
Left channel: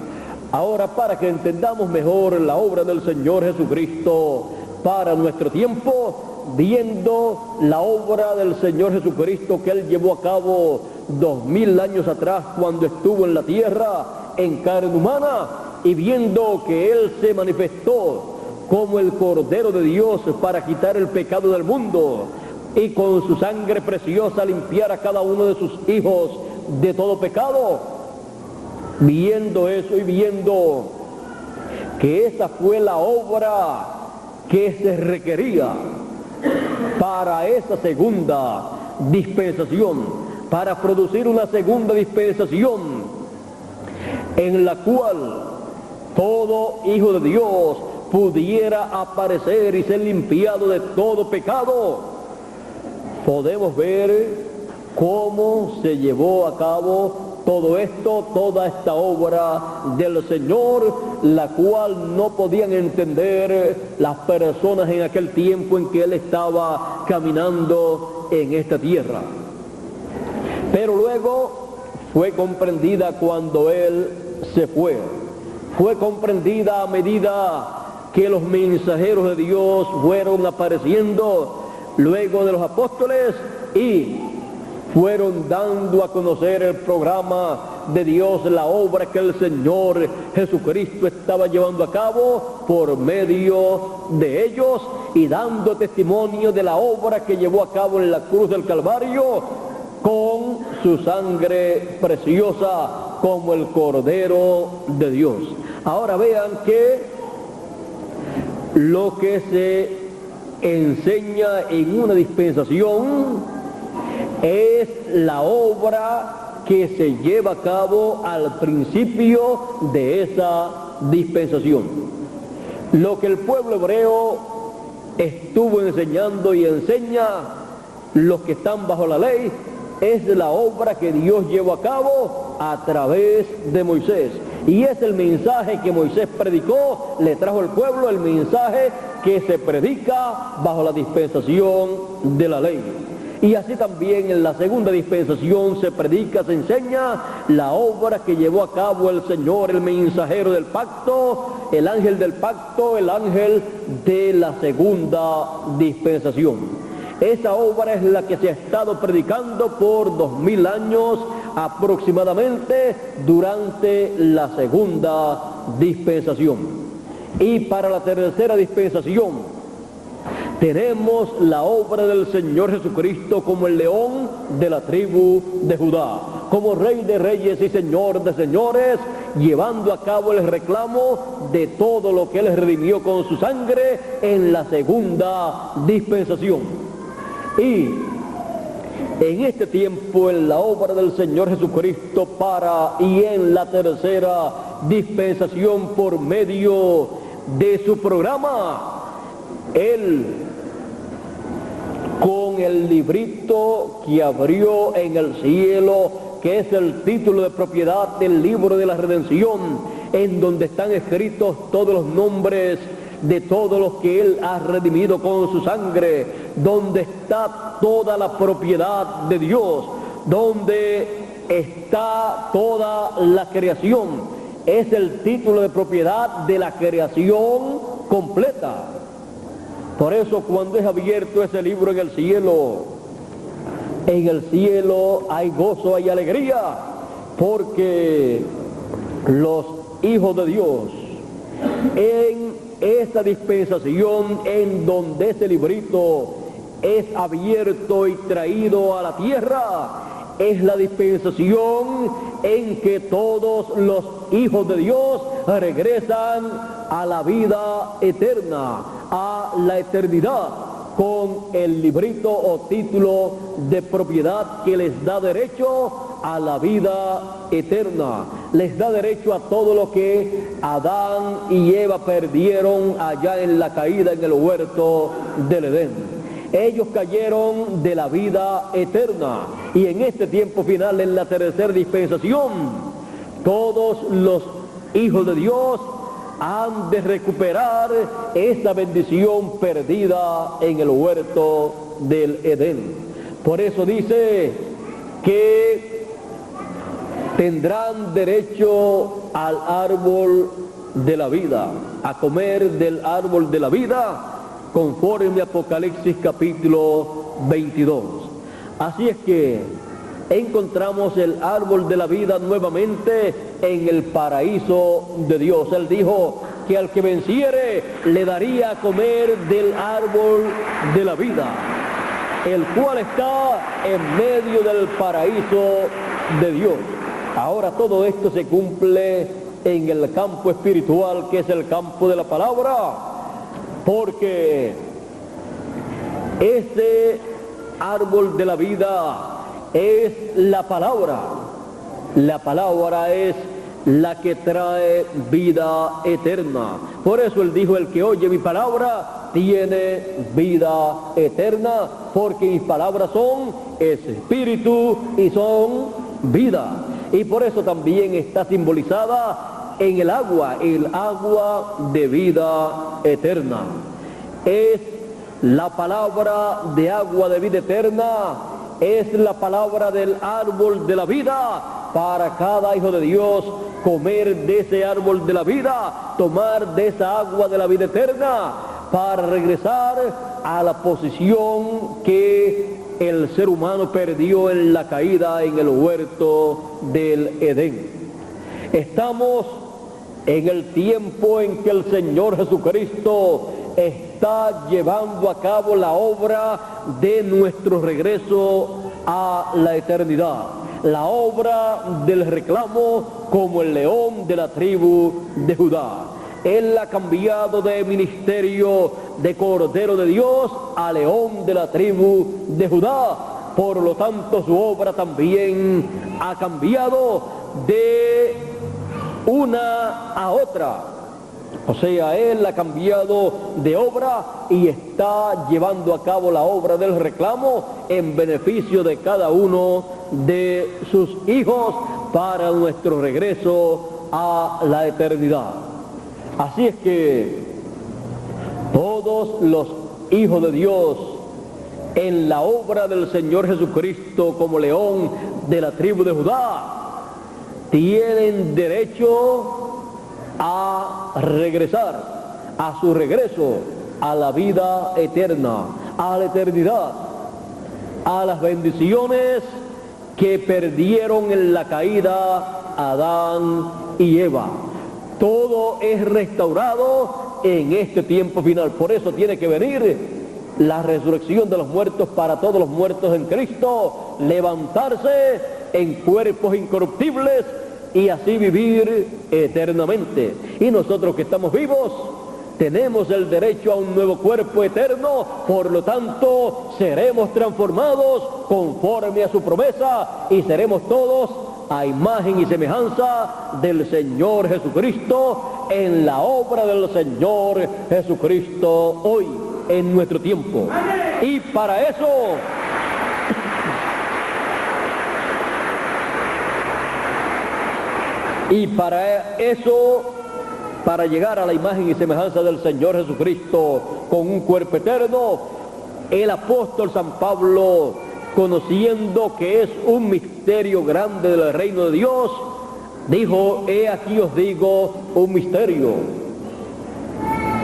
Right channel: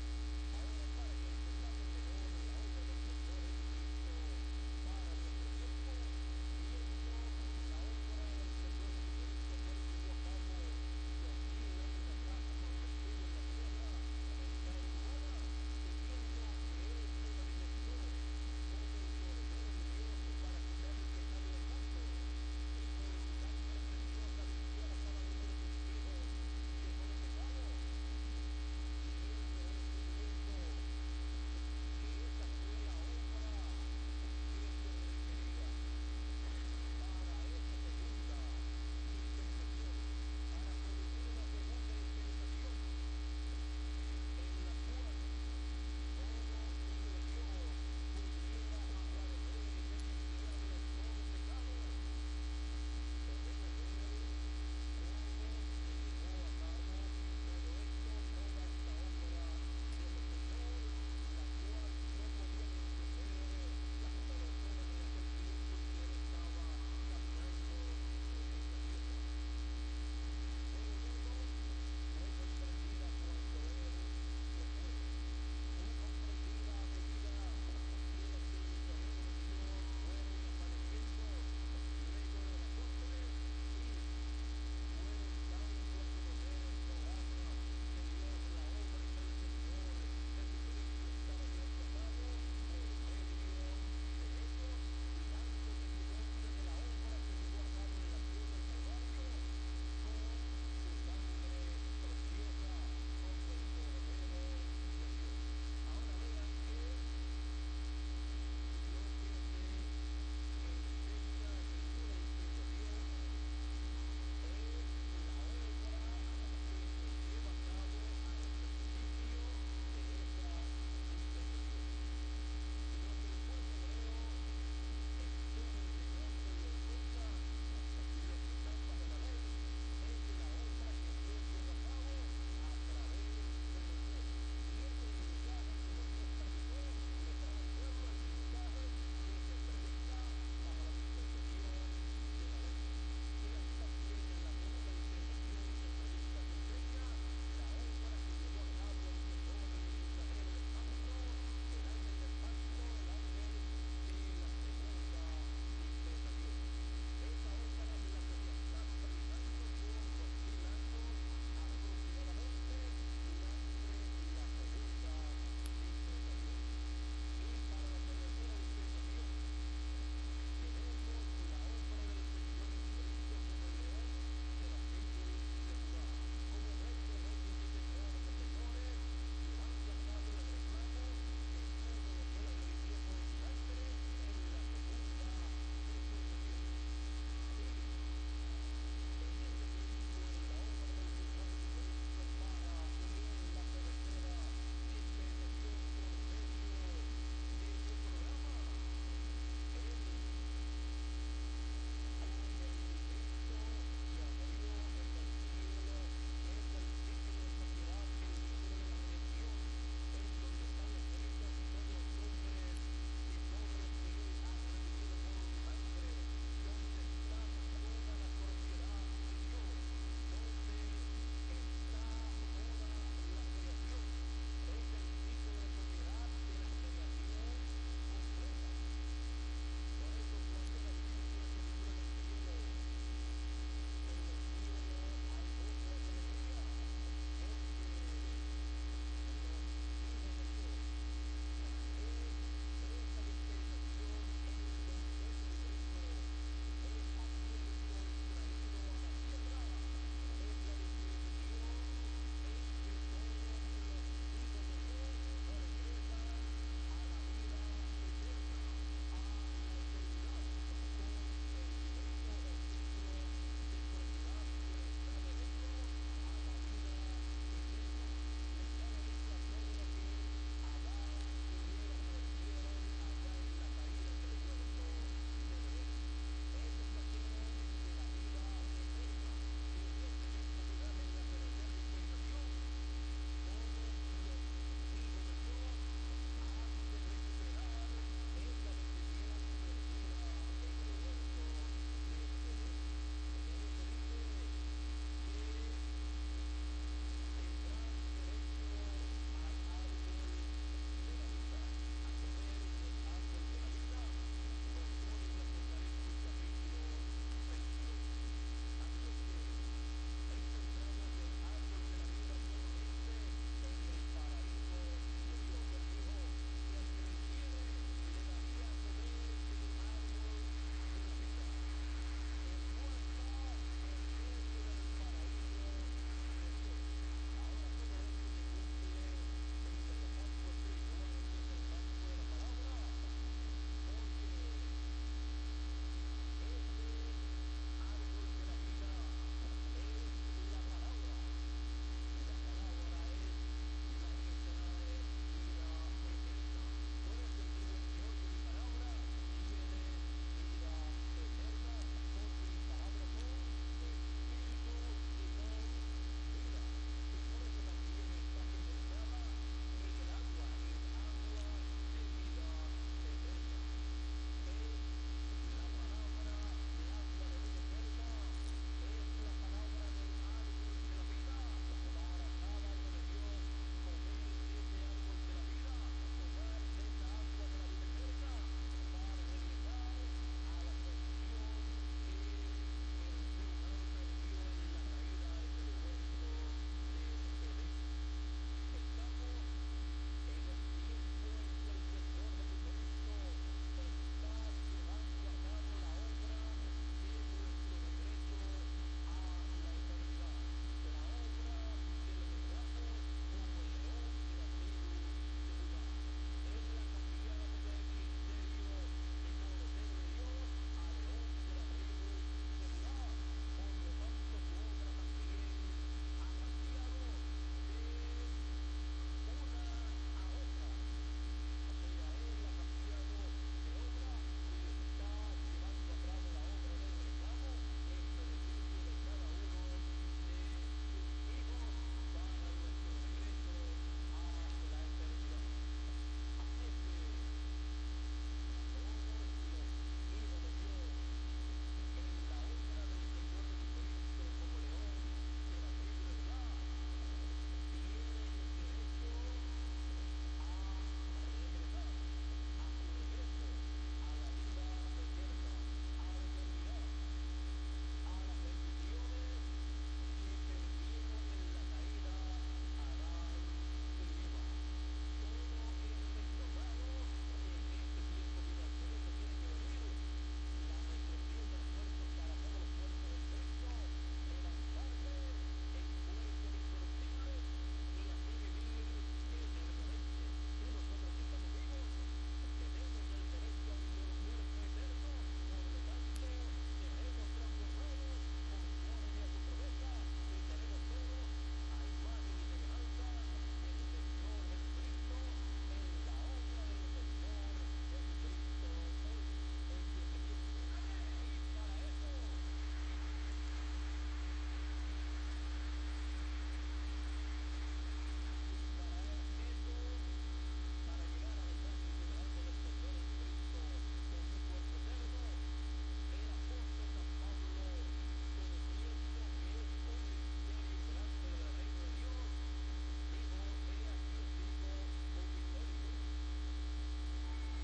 Ahora, para que entendamos mejor la obra del Señor Jesucristo para nuestro tiempo, viendo la obra del Señor Jesucristo que Él llevó a cabo 2000 años atrás cuando estuvo en la tierra en carne humana, y viendo que Él se manifestó como el Cordero de Dios para quitar el pecado del mundo y con su sangre preciosa limpiar a cada uno de sus hijos de todo pecado, viendo eso y viendo que esa fue la obra que se requería para esa segunda dispensación, para producir una segunda dispensación en la cual todo hijo de Dios pudiera aparecer y ser limpiado de todo pecado. Podemos ver cómo se llevó a cabo todo esto, toda esta obra del Señor, la cual no podían entender las personas en aquel tiempo en que Él estaba caminando en esta tierra. Pero luego fue comprendida cuando Él se fue. Fue comprendida a medida que los mensajeros de Dios fueron apareciendo luego de los apóstoles y fueron dando a conocer el programa de Dios, la obra que el Señor Jesucristo estaba llevando a cabo por medio de ellos, y dando testimonio de la obra que llevó a cabo en la cruz del Calvario con su sangre preciosa como el Cordero de Dios. Ahora vean que lo que se enseña en una dispensación es la obra que se lleva a cabo al principio de esa dispensación. Lo que el pueblo hebreo estuvo enseñando y enseña, los que están bajo la ley, es la obra que Dios llevó a cabo a través de Moisés. Y es el mensaje que Moisés predicó, le trajo al pueblo el mensaje que se predica bajo la dispensación de la ley. Y así también en la segunda dispensación se predica, se enseña la obra que llevó a cabo el Señor, el mensajero del pacto, el ángel del pacto, el ángel de la segunda dispensación. Esa obra es la que se ha estado predicando por 2000 años aproximadamente durante la segunda dispensación. Y para la tercera dispensación tenemos la obra del Señor Jesucristo como el león de la tribu de Judá, como Rey de reyes y Señor de señores, llevando a cabo el reclamo de todo lo que Él redimió con su sangre en la segunda dispensación. Y en este tiempo, en la obra del Señor Jesucristo y en la tercera dispensación por medio de su programa, Él, con el librito que abrió en el cielo, que es el título de propiedad del libro de la redención, en donde están escritos todos los nombres de todos los que Él ha redimido con su sangre, donde está toda la propiedad de Dios, donde está toda la creación. Es el título de propiedad de la creación completa. Por eso cuando es abierto ese libro en el cielo hay gozo, hay alegría, porque los hijos de Dios en esa dispensación en donde ese librito es abierto y traído a la tierra, es la dispensación en que todos los hijos de Dios regresan a la vida eterna, a la eternidad, con el librito o título de propiedad que les da derecho a la vida eterna, les da derecho a todo lo que Adán y Eva perdieron allá en la caída en el huerto del Edén. Ellos cayeron de la vida eterna y en este tiempo final, en la tercera dispensación, todos los hijos de Dios han de recuperar esa bendición perdida en el huerto del Edén. Por eso dice que tendrán derecho al árbol de la vida, a comer del árbol de la vida, conforme a Apocalipsis capítulo 22. Así es que encontramos el árbol de la vida nuevamente en el paraíso de Dios. Él dijo que al que venciere le daría a comer del árbol de la vida, el cual está en medio del paraíso de Dios. Ahora todo esto se cumple en el campo espiritual, que es el campo de la palabra, porque ese árbol de la vida es la palabra. La palabra es la que trae vida eterna. Por eso él dijo: el que oye mi palabra tiene vida eterna, porque mis palabras son espíritu y son vida. Y por eso también está simbolizada en el agua de vida eterna. Es la palabra de agua de vida eterna, es la palabra del árbol de la vida para cada hijo de Dios. Comer de ese árbol de la vida, tomar de esa agua de la vida eterna, para regresar a la posición que el ser humano perdió en la caída en el huerto del Edén. Estamos en el tiempo en que el Señor Jesucristo está llevando a cabo la obra de nuestro regreso a la eternidad, la obra del reclamo como el león de la tribu de Judá. Él ha cambiado de ministerio de Cordero de Dios a león de la tribu de Judá. Por lo tanto, su obra también ha cambiado de una a otra. O sea, él ha cambiado de obra y está llevando a cabo la obra del reclamo en beneficio de cada uno de sus hijos para nuestro regreso a la eternidad. Así es que todos los hijos de Dios en la obra del Señor Jesucristo como león de la tribu de Judá tienen derecho a regresar, a su regreso a la vida eterna, a la eternidad, a las bendiciones que perdieron en la caída Adán y Eva. Todo es restaurado en este tiempo final. Por eso tiene que venir la resurrección de los muertos para todos los muertos en Cristo, levantarse en cuerpos incorruptibles y así vivir eternamente. Y nosotros que estamos vivos tenemos el derecho a un nuevo cuerpo eterno, por lo tanto seremos transformados conforme a su promesa y seremos todos a imagen y semejanza del Señor Jesucristo en la obra del Señor Jesucristo hoy, en nuestro tiempo. Y para eso para llegar a la imagen y semejanza del Señor Jesucristo con un cuerpo eterno, el apóstol San Pablo, conociendo que es un misterio grande del reino de Dios, dijo: he aquí os digo un misterio,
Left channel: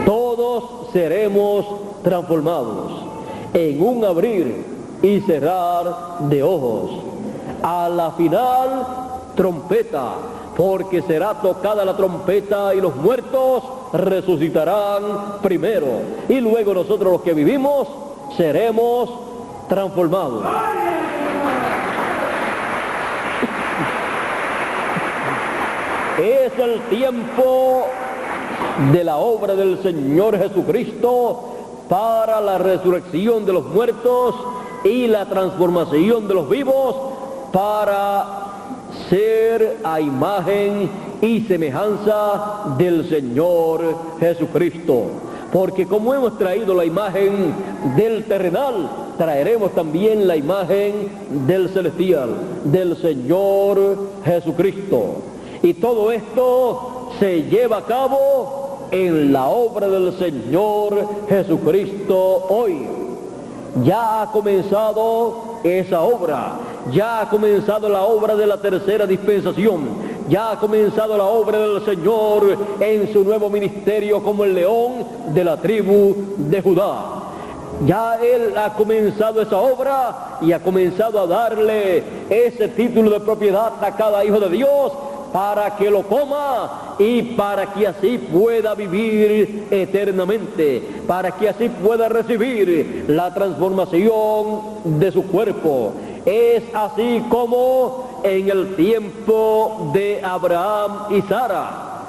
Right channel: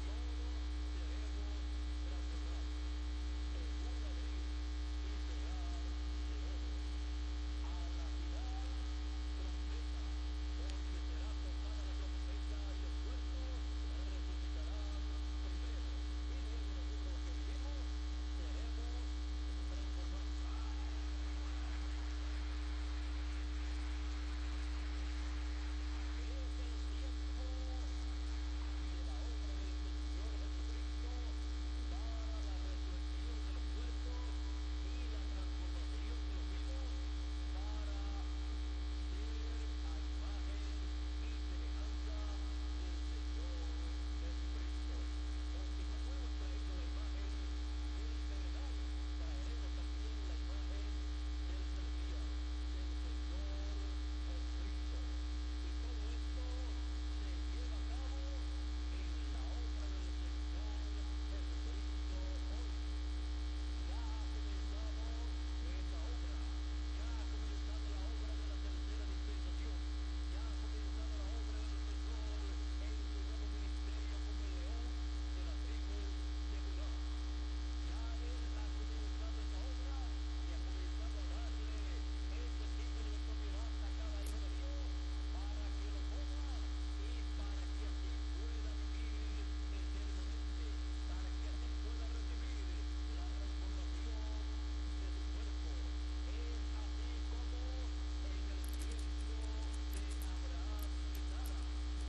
todos seremos transformados en un abrir y cerrar de ojos, a la final trompeta, porque será tocada la trompeta y los muertos resucitarán primero, y luego nosotros los que vivimos seremos transformados. Es el tiempo de la obra del Señor Jesucristo para la resurrección de los muertos y la transformación de los vivos para ser a imagen y semejanza del Señor Jesucristo. porque como hemos traído la imagen del terrenal, traeremos también la imagen del celestial, del Señor Jesucristo. Y todo esto se lleva a cabo en la obra del Señor Jesucristo hoy. Ya ha comenzado esa obra, ya ha comenzado la obra de la tercera dispensación, ya ha comenzado la obra del Señor en su nuevo ministerio como el león de la tribu de Judá. Ya Él ha comenzado esa obra y ha comenzado a darle ese título de propiedad a cada hijo de Dios para que lo coma y para que así pueda vivir eternamente, para que así pueda recibir la transformación de su cuerpo. Es así como en el tiempo de Abraham y Sara.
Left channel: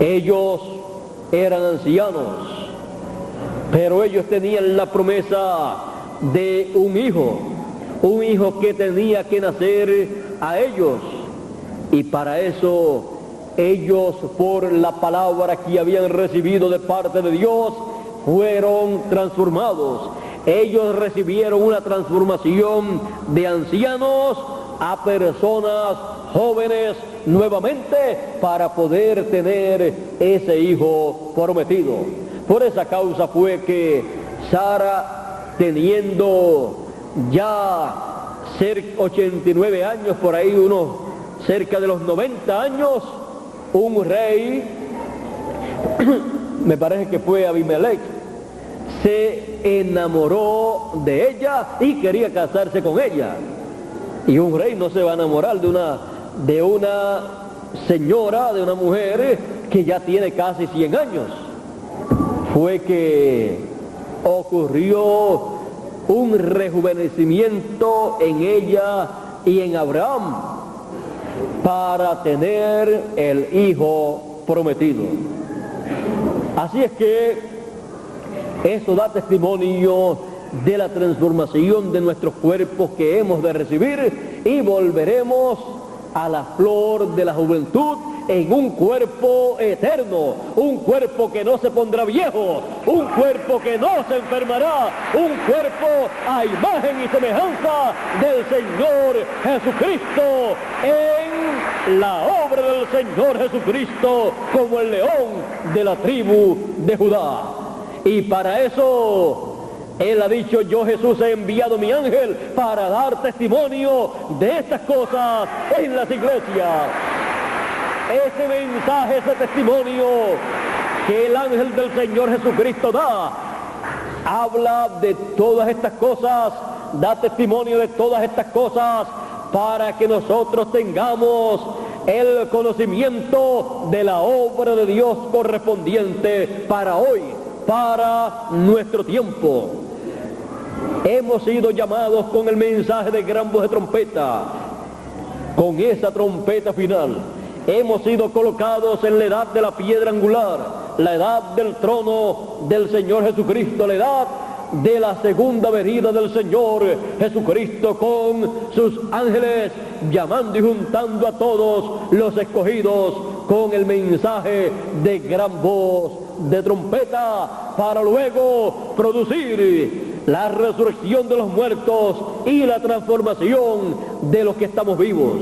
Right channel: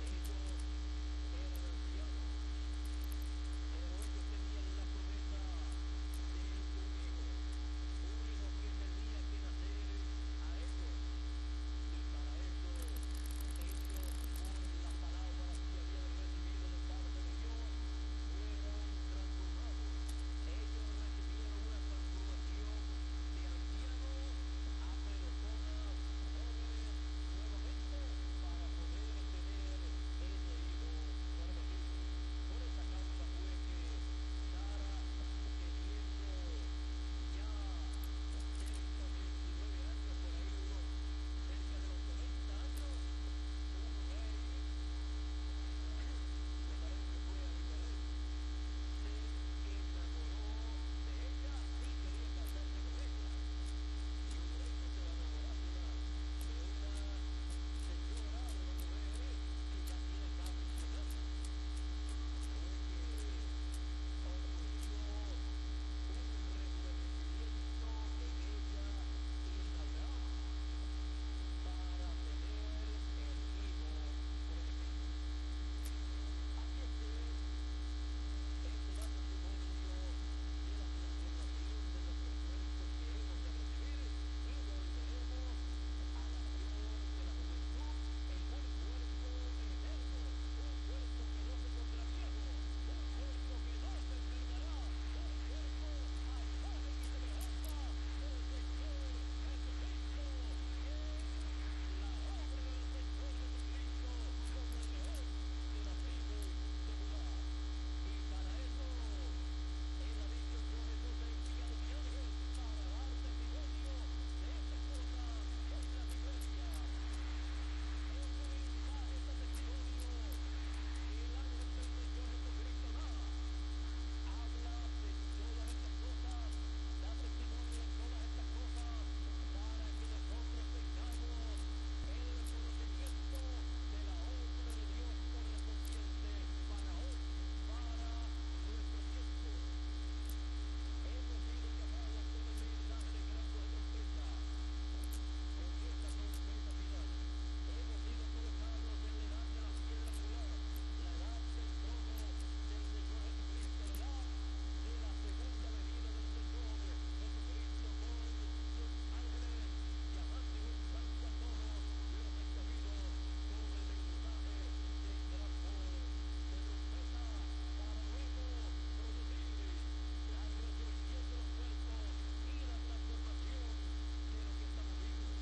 Ellos eran ancianos, pero ellos tenían la promesa de un hijo que tenía que nacer a ellos. Y para eso ellos, por la palabra que habían recibido de parte de Dios, fueron transformados. Ellos recibieron una transformación de ancianos a personas jóvenes nuevamente para poder tener ese hijo prometido. Por esa causa fue que Sara, teniendo ya 89 años, por ahí unos cerca de los 90 años, un rey, me parece que fue Abimelech, se enamoró de ella y quería casarse con ella. Y un rey no se va a enamorar de una señora, de una mujer que ya tiene casi 100 años. Fue que ocurrió un rejuvenecimiento en ella y en Abraham para tener el hijo prometido. Así es que eso da testimonio de la transformación de nuestros cuerpos que hemos de recibir, y volveremos a la flor de la juventud en un cuerpo eterno, un cuerpo que no se pondrá viejo, un cuerpo que no se enfermará, un cuerpo a imagen y semejanza del Señor Jesucristo, en la obra del Señor Jesucristo como el león de la tribu de Judá. Y para eso Él ha dicho: yo, Jesús, he enviado mi ángel para dar testimonio de estas cosas en las iglesias. Ese mensaje, ese testimonio que el ángel del Señor Jesucristo da, habla de todas estas cosas, da testimonio de todas estas cosas para que nosotros tengamos el conocimiento de la obra de Dios correspondiente para hoy, para nuestro tiempo. Hemos sido llamados con el mensaje de gran voz de trompeta, con esa trompeta final. Hemos sido colocados en la edad de la piedra angular, la edad del trono del Señor Jesucristo, la edad de la segunda venida del Señor Jesucristo con sus ángeles, llamando y juntando a todos los escogidos con el mensaje de gran voz de trompeta, para luego producir la resurrección de los muertos y la transformación de los que estamos vivos.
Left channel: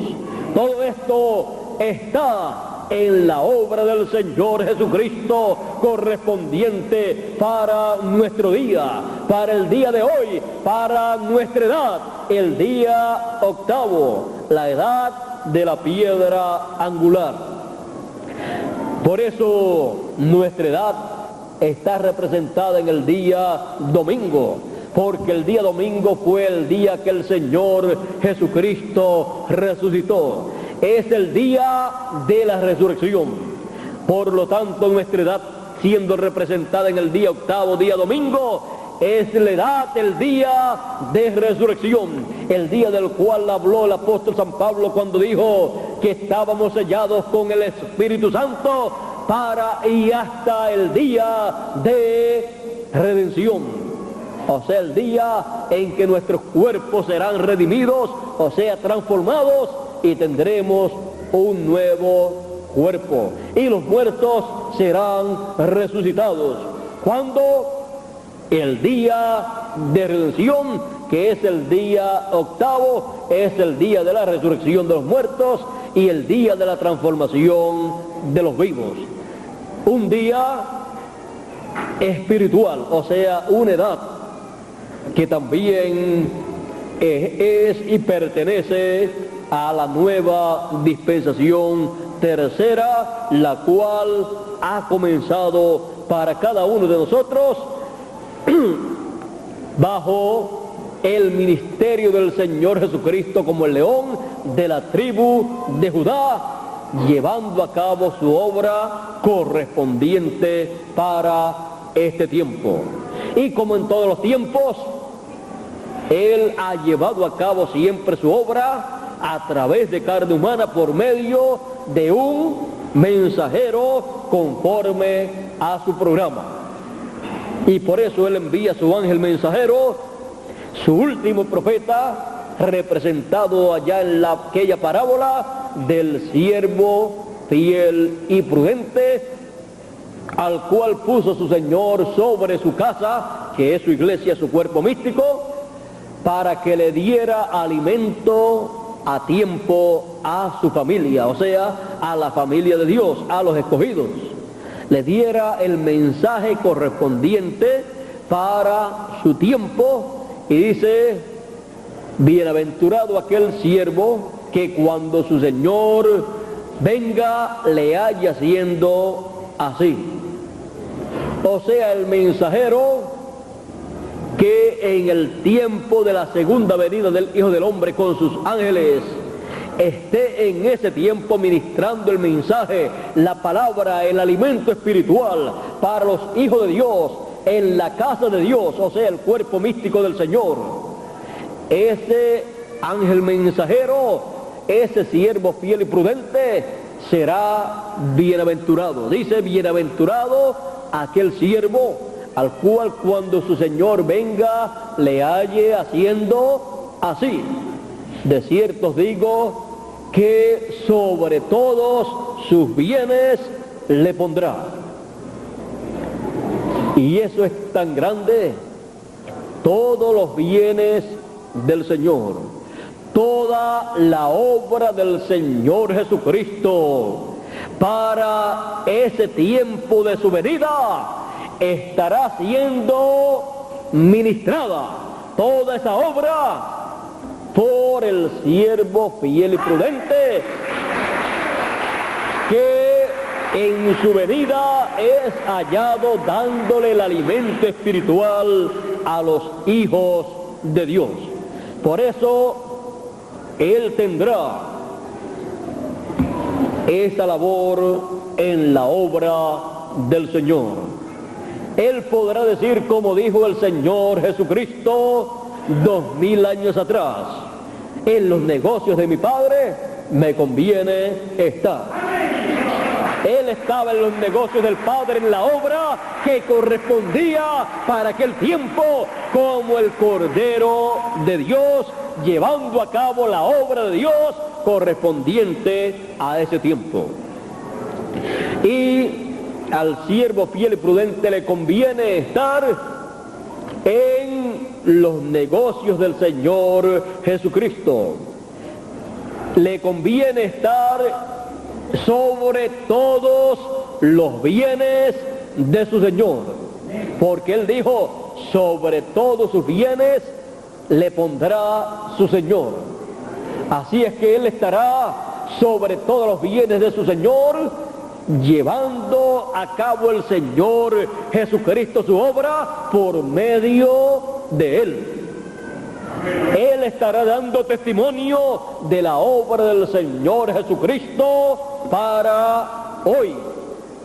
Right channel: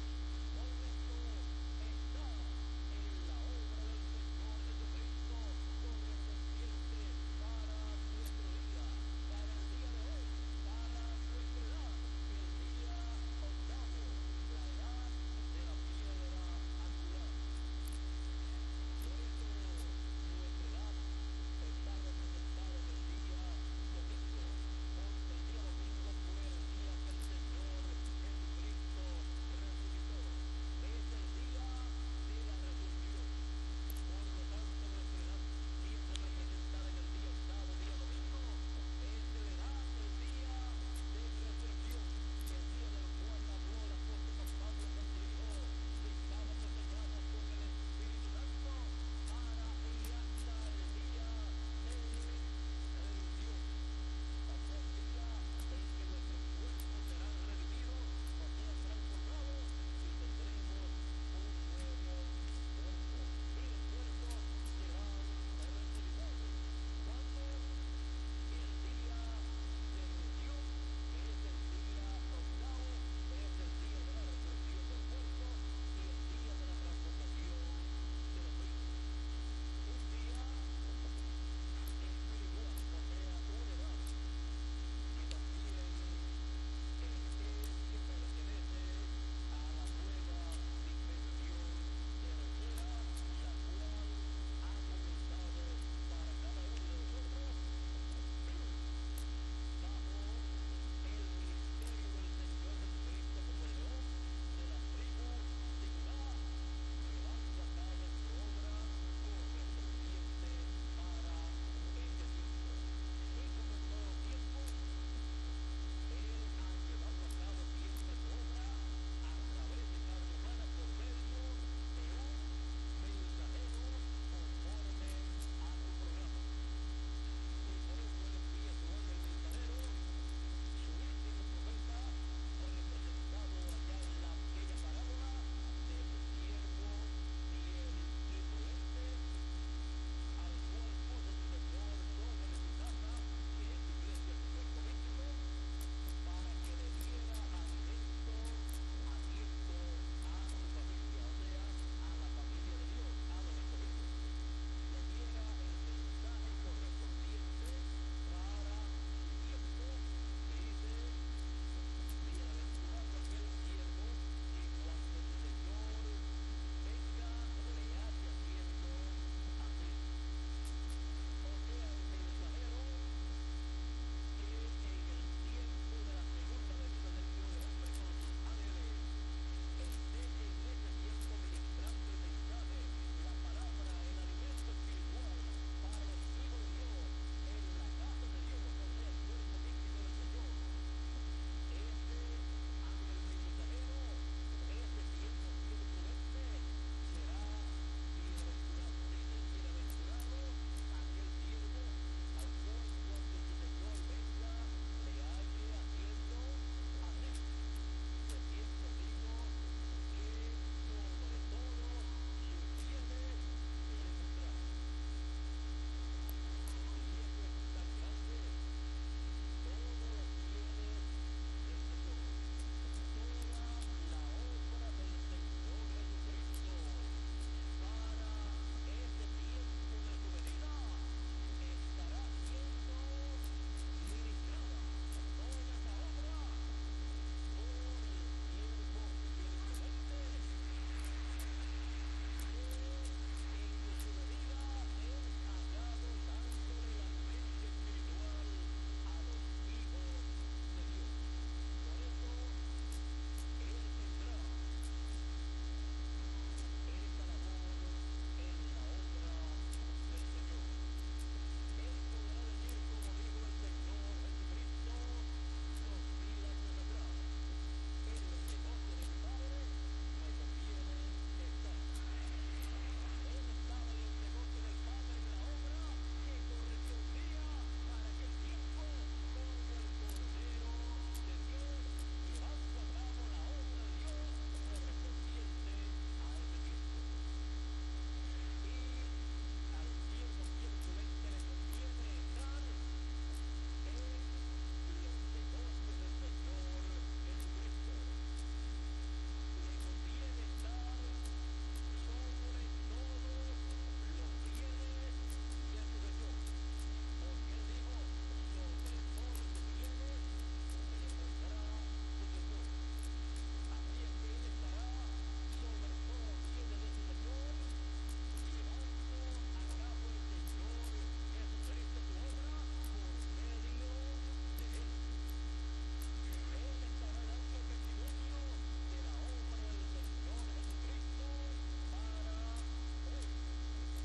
Todo esto está en la obra del Señor Jesucristo correspondiente para nuestro día, para el día de hoy, para nuestra edad, el día octavo, la edad de la piedra angular. Por eso nuestra edad está representada en el día domingo, porque el día domingo fue el día que el Señor Jesucristo resucitó. Es el día de la resurrección. Por lo tanto, nuestra edad, siendo representada en el día octavo, día domingo, es la edad, el día de resurrección, el día del cual habló el apóstol San Pablo cuando dijo que estábamos sellados con el Espíritu Santo para y hasta el día de redención. O sea, el día en que nuestros cuerpos serán redimidos, o sea, transformados, y tendremos un nuevo cuerpo, y los muertos serán resucitados. ¿Cuándo? El día de redención, que es el día octavo, es el día de la resurrección de los muertos y el día de la transformación de los vivos. Un día espiritual, o sea, una edad que también es y pertenece a la nueva dispensación tercera, la cual ha comenzado para cada uno de nosotros bajo el ministerio del Señor Jesucristo como el león de la tribu de Judá, llevando a cabo su obra correspondiente para este tiempo. Y como en todos los tiempos, Él ha llevado a cabo siempre su obra a través de carne humana por medio de un mensajero conforme a su programa. Y por eso Él envía a su ángel mensajero, su último profeta, representado allá en aquella parábola del siervo fiel y prudente, al cual puso su Señor sobre su casa, que es su iglesia, su cuerpo místico, para que le diera alimento a tiempo a su familia, o sea, a la familia de Dios, a los escogidos. Le diera el mensaje correspondiente para su tiempo, y dice: bienaventurado aquel siervo que cuando su Señor venga le haya haciendo así. O sea, el mensajero que en el tiempo de la segunda venida del Hijo del Hombre con sus ángeles esté en ese tiempo ministrando el mensaje, la palabra, el alimento espiritual para los hijos de Dios en la casa de Dios, o sea, el cuerpo místico del Señor. Ese ángel mensajero, ese siervo fiel y prudente, será bienaventurado. Dice: bienaventurado aquel siervo al cual cuando su Señor venga le halle haciendo así. De cierto os digo que sobre todos sus bienes le pondrá. Y eso es tan grande, todos los bienes del Señor, toda la obra del Señor Jesucristo para ese tiempo de su venida estará siendo ministrada, toda esa obra, por el siervo fiel y prudente, que en su venida es hallado dándole el alimento espiritual a los hijos de Dios. Por eso Él tendrá esa labor en la obra del Señor. Él podrá decir, como dijo el Señor Jesucristo 2000 años atrás: en los negocios de mi Padre me conviene estar. Él estaba en los negocios del Padre, en la obra que correspondía para aquel tiempo, como el Cordero de Dios, llevando a cabo la obra de Dios correspondiente a ese tiempo. Y al siervo fiel y prudente le conviene estar en los negocios del Señor Jesucristo. Le conviene estar sobre todos los bienes de su Señor, porque Él dijo: sobre todos sus bienes le pondrá su Señor. Así es que Él estará sobre todos los bienes de su Señor, llevando a cabo el Señor Jesucristo su obra por medio de Él. Él estará dando testimonio de la obra del Señor Jesucristo para hoy,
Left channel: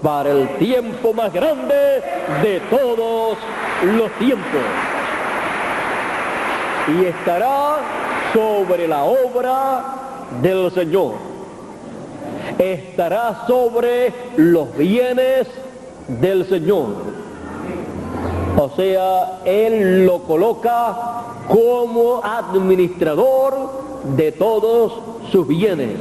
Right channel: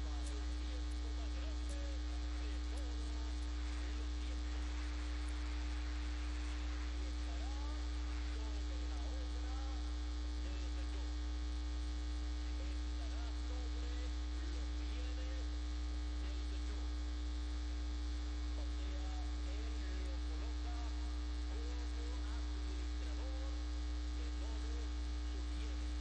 para el tiempo más grande de todos los tiempos. Y estará sobre la obra del Señor. Estará sobre los bienes del Señor. O sea, Él lo coloca como administrador de todos sus bienes.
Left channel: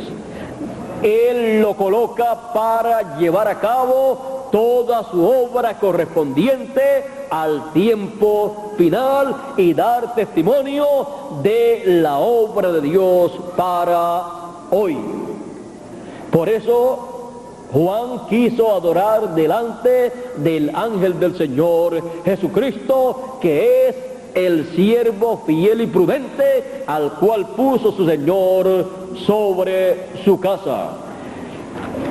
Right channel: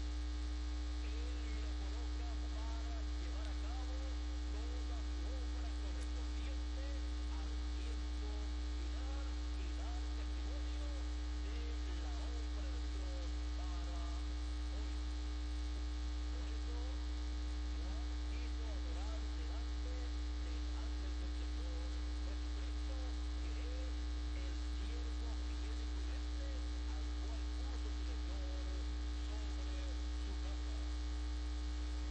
Él lo coloca para llevar a cabo toda su obra correspondiente al tiempo final y dar testimonio de la obra de Dios para hoy. Por eso Juan quiso adorar delante del ángel del Señor Jesucristo, que es el siervo fiel y prudente al cual puso su Señor sobre su casa.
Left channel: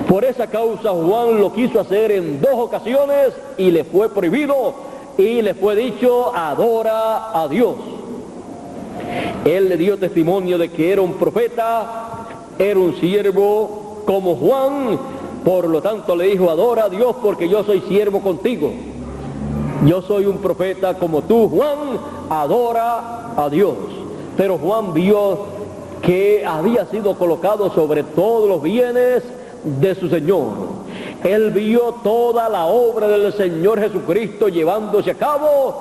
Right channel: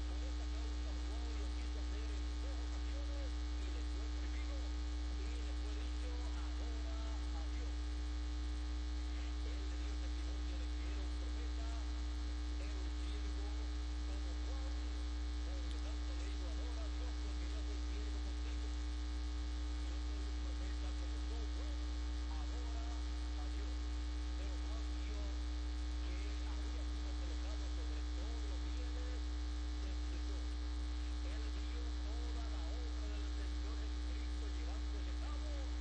Por esa causa Juan lo quiso hacer en 2 ocasiones y le fue prohibido y le fue dicho: adora a Dios. Él le dio testimonio de que era un profeta, era un siervo como Juan, por lo tanto le dijo: adora a Dios porque yo soy siervo contigo. Yo soy un profeta como tú, Juan, adora a Dios. Pero Juan vio que había sido colocado sobre todos los bienes de su Señor. Él vio toda la obra del Señor Jesucristo llevándose a cabo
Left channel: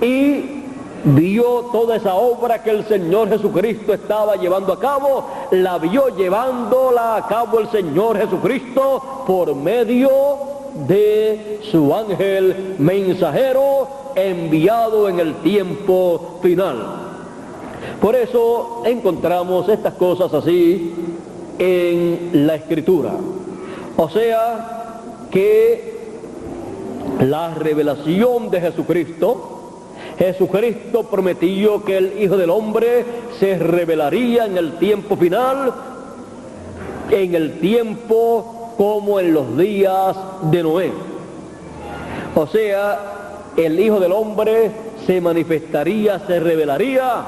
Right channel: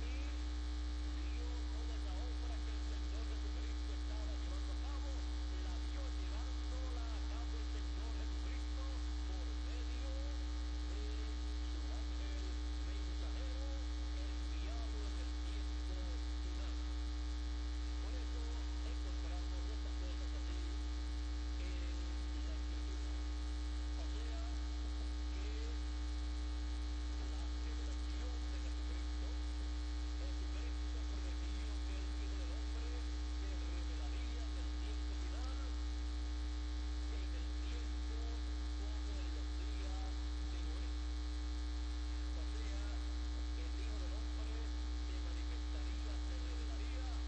y vio toda esa obra que el Señor Jesucristo estaba llevando a cabo, la vio llevándola a cabo el Señor Jesucristo por medio de su ángel mensajero enviado en el tiempo final. Por eso encontramos estas cosas así en la Escritura. O sea que la revelación de Jesucristo prometió que el Hijo del Hombre se revelaría en el tiempo final, en el tiempo como en los días de Noé. O sea, el Hijo del Hombre se manifestaría, se revelaría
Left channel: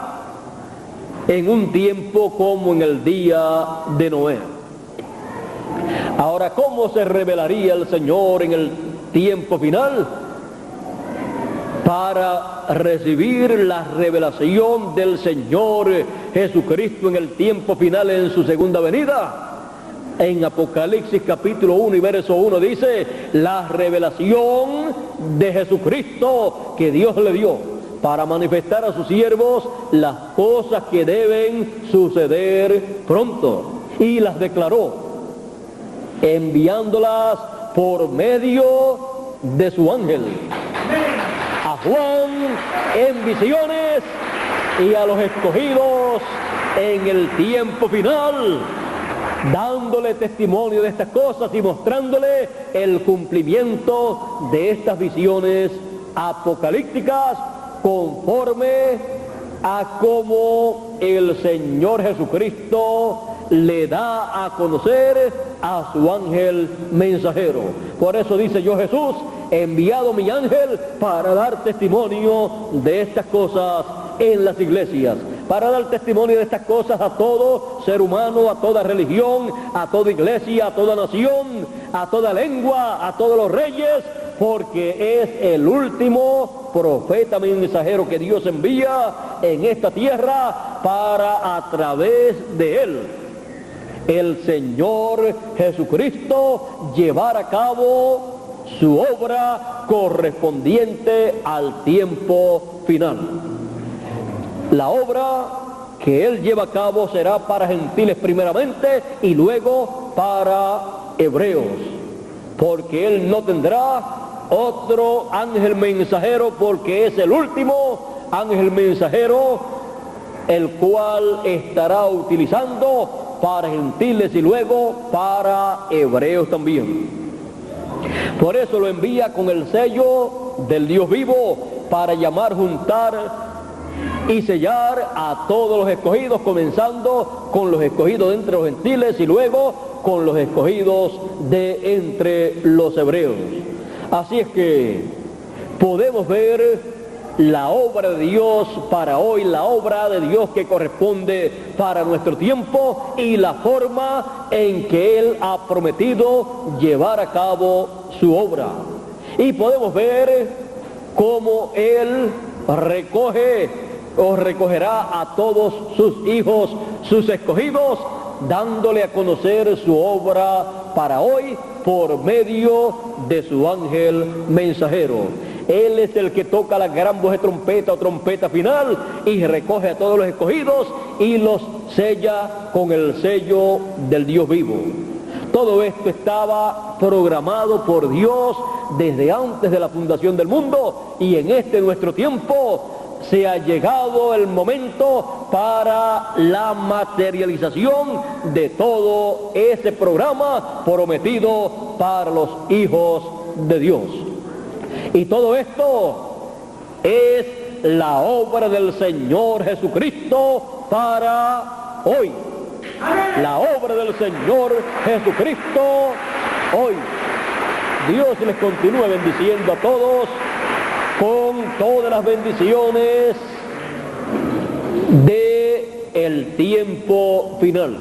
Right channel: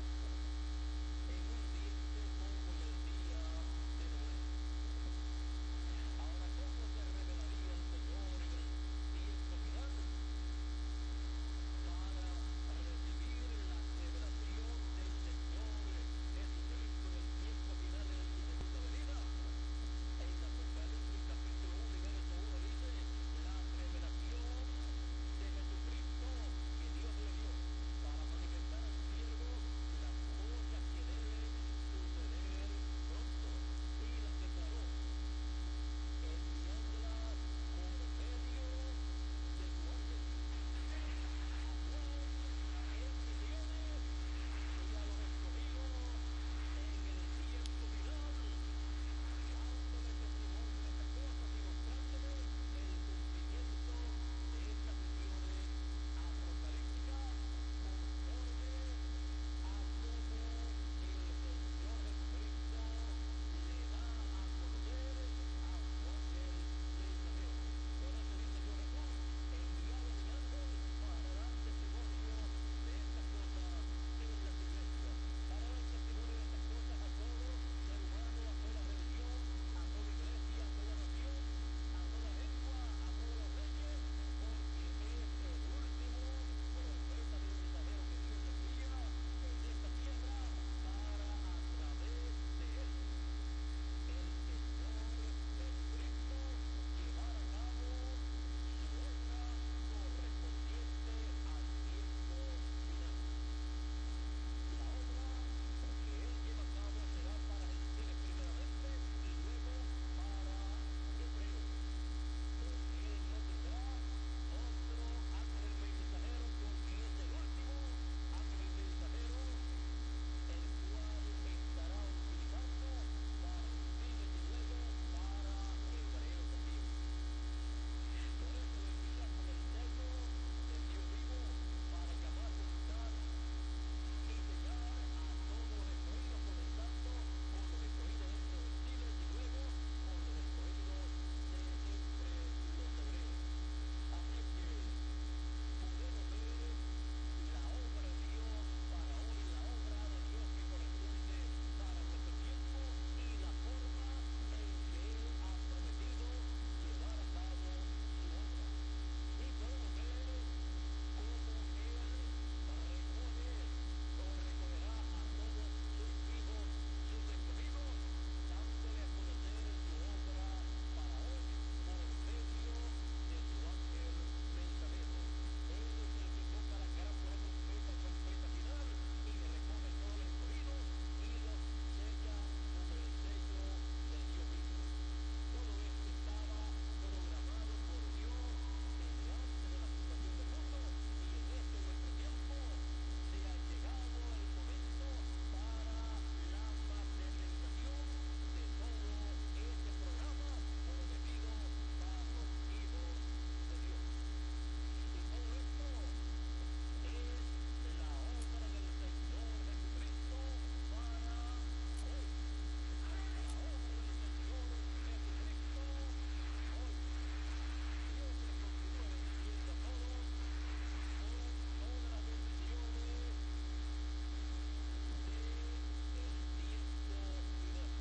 en un tiempo como en el día de Noé. Ahora, ¿cómo se revelaría el Señor en el tiempo final? Para recibir la revelación del Señor Jesucristo en el tiempo final, en su segunda venida. En Apocalipsis capítulo 1 y verso 1 dice: la revelación de Jesucristo que Dios le dio para manifestar a sus siervos las cosas que deben suceder pronto. Y las declaró, enviándolas por medio de su ángel a Juan en visiones y a los escogidos en el tiempo final, dándole testimonio de estas cosas y mostrándole el cumplimiento de estas visiones apocalípticas conforme a cómo el Señor Jesucristo le da a conocer a su ángel mensajero. Por eso dice: yo, Jesús, he enviado mi ángel para dar testimonio de estas cosas en las iglesias, para dar testimonio de estas cosas a todo ser humano, a toda religión, a toda iglesia, a toda nación, a toda lengua, a todos los reyes, porque es el último profeta mensajero que Dios envía en esta tierra para, a través de él, el Señor Jesucristo llevar a cabo su obra correspondiente al tiempo final. La obra que él lleva a cabo será para gentiles primeramente y luego para hebreos, porque él no tendrá otro ángel mensajero, porque es el último ángel mensajero el cual estará utilizando para gentiles y luego para hebreos también. Por eso lo envía con el sello del Dios vivo, para llamar, juntar y sellar a todos los escogidos, comenzando con los escogidos de entre los gentiles y luego con los escogidos de entre los hebreos. Así es que podemos ver la obra de Dios para hoy, la obra de Dios que corresponde para nuestro tiempo y la forma en que Él ha prometido llevar a cabo su obra. Y podemos ver cómo Él recoge o recogerá a todos sus hijos, sus escogidos, dándole a conocer su obra para hoy por medio de su ángel mensajero. Él es el que toca la gran voz de trompeta o trompeta final y recoge a todos los escogidos y los sella con el sello del Dios vivo. Todo esto estaba programado por Dios desde antes de la fundación del mundo, y en este nuestro tiempo se ha llegado el momento para la materialización de todo ese programa prometido para los hijos de Dios. Y todo esto es la obra del Señor Jesucristo para hoy. La obra del Señor Jesucristo hoy. Dios les continúe bendiciendo a todos con todas las bendiciones del tiempo final.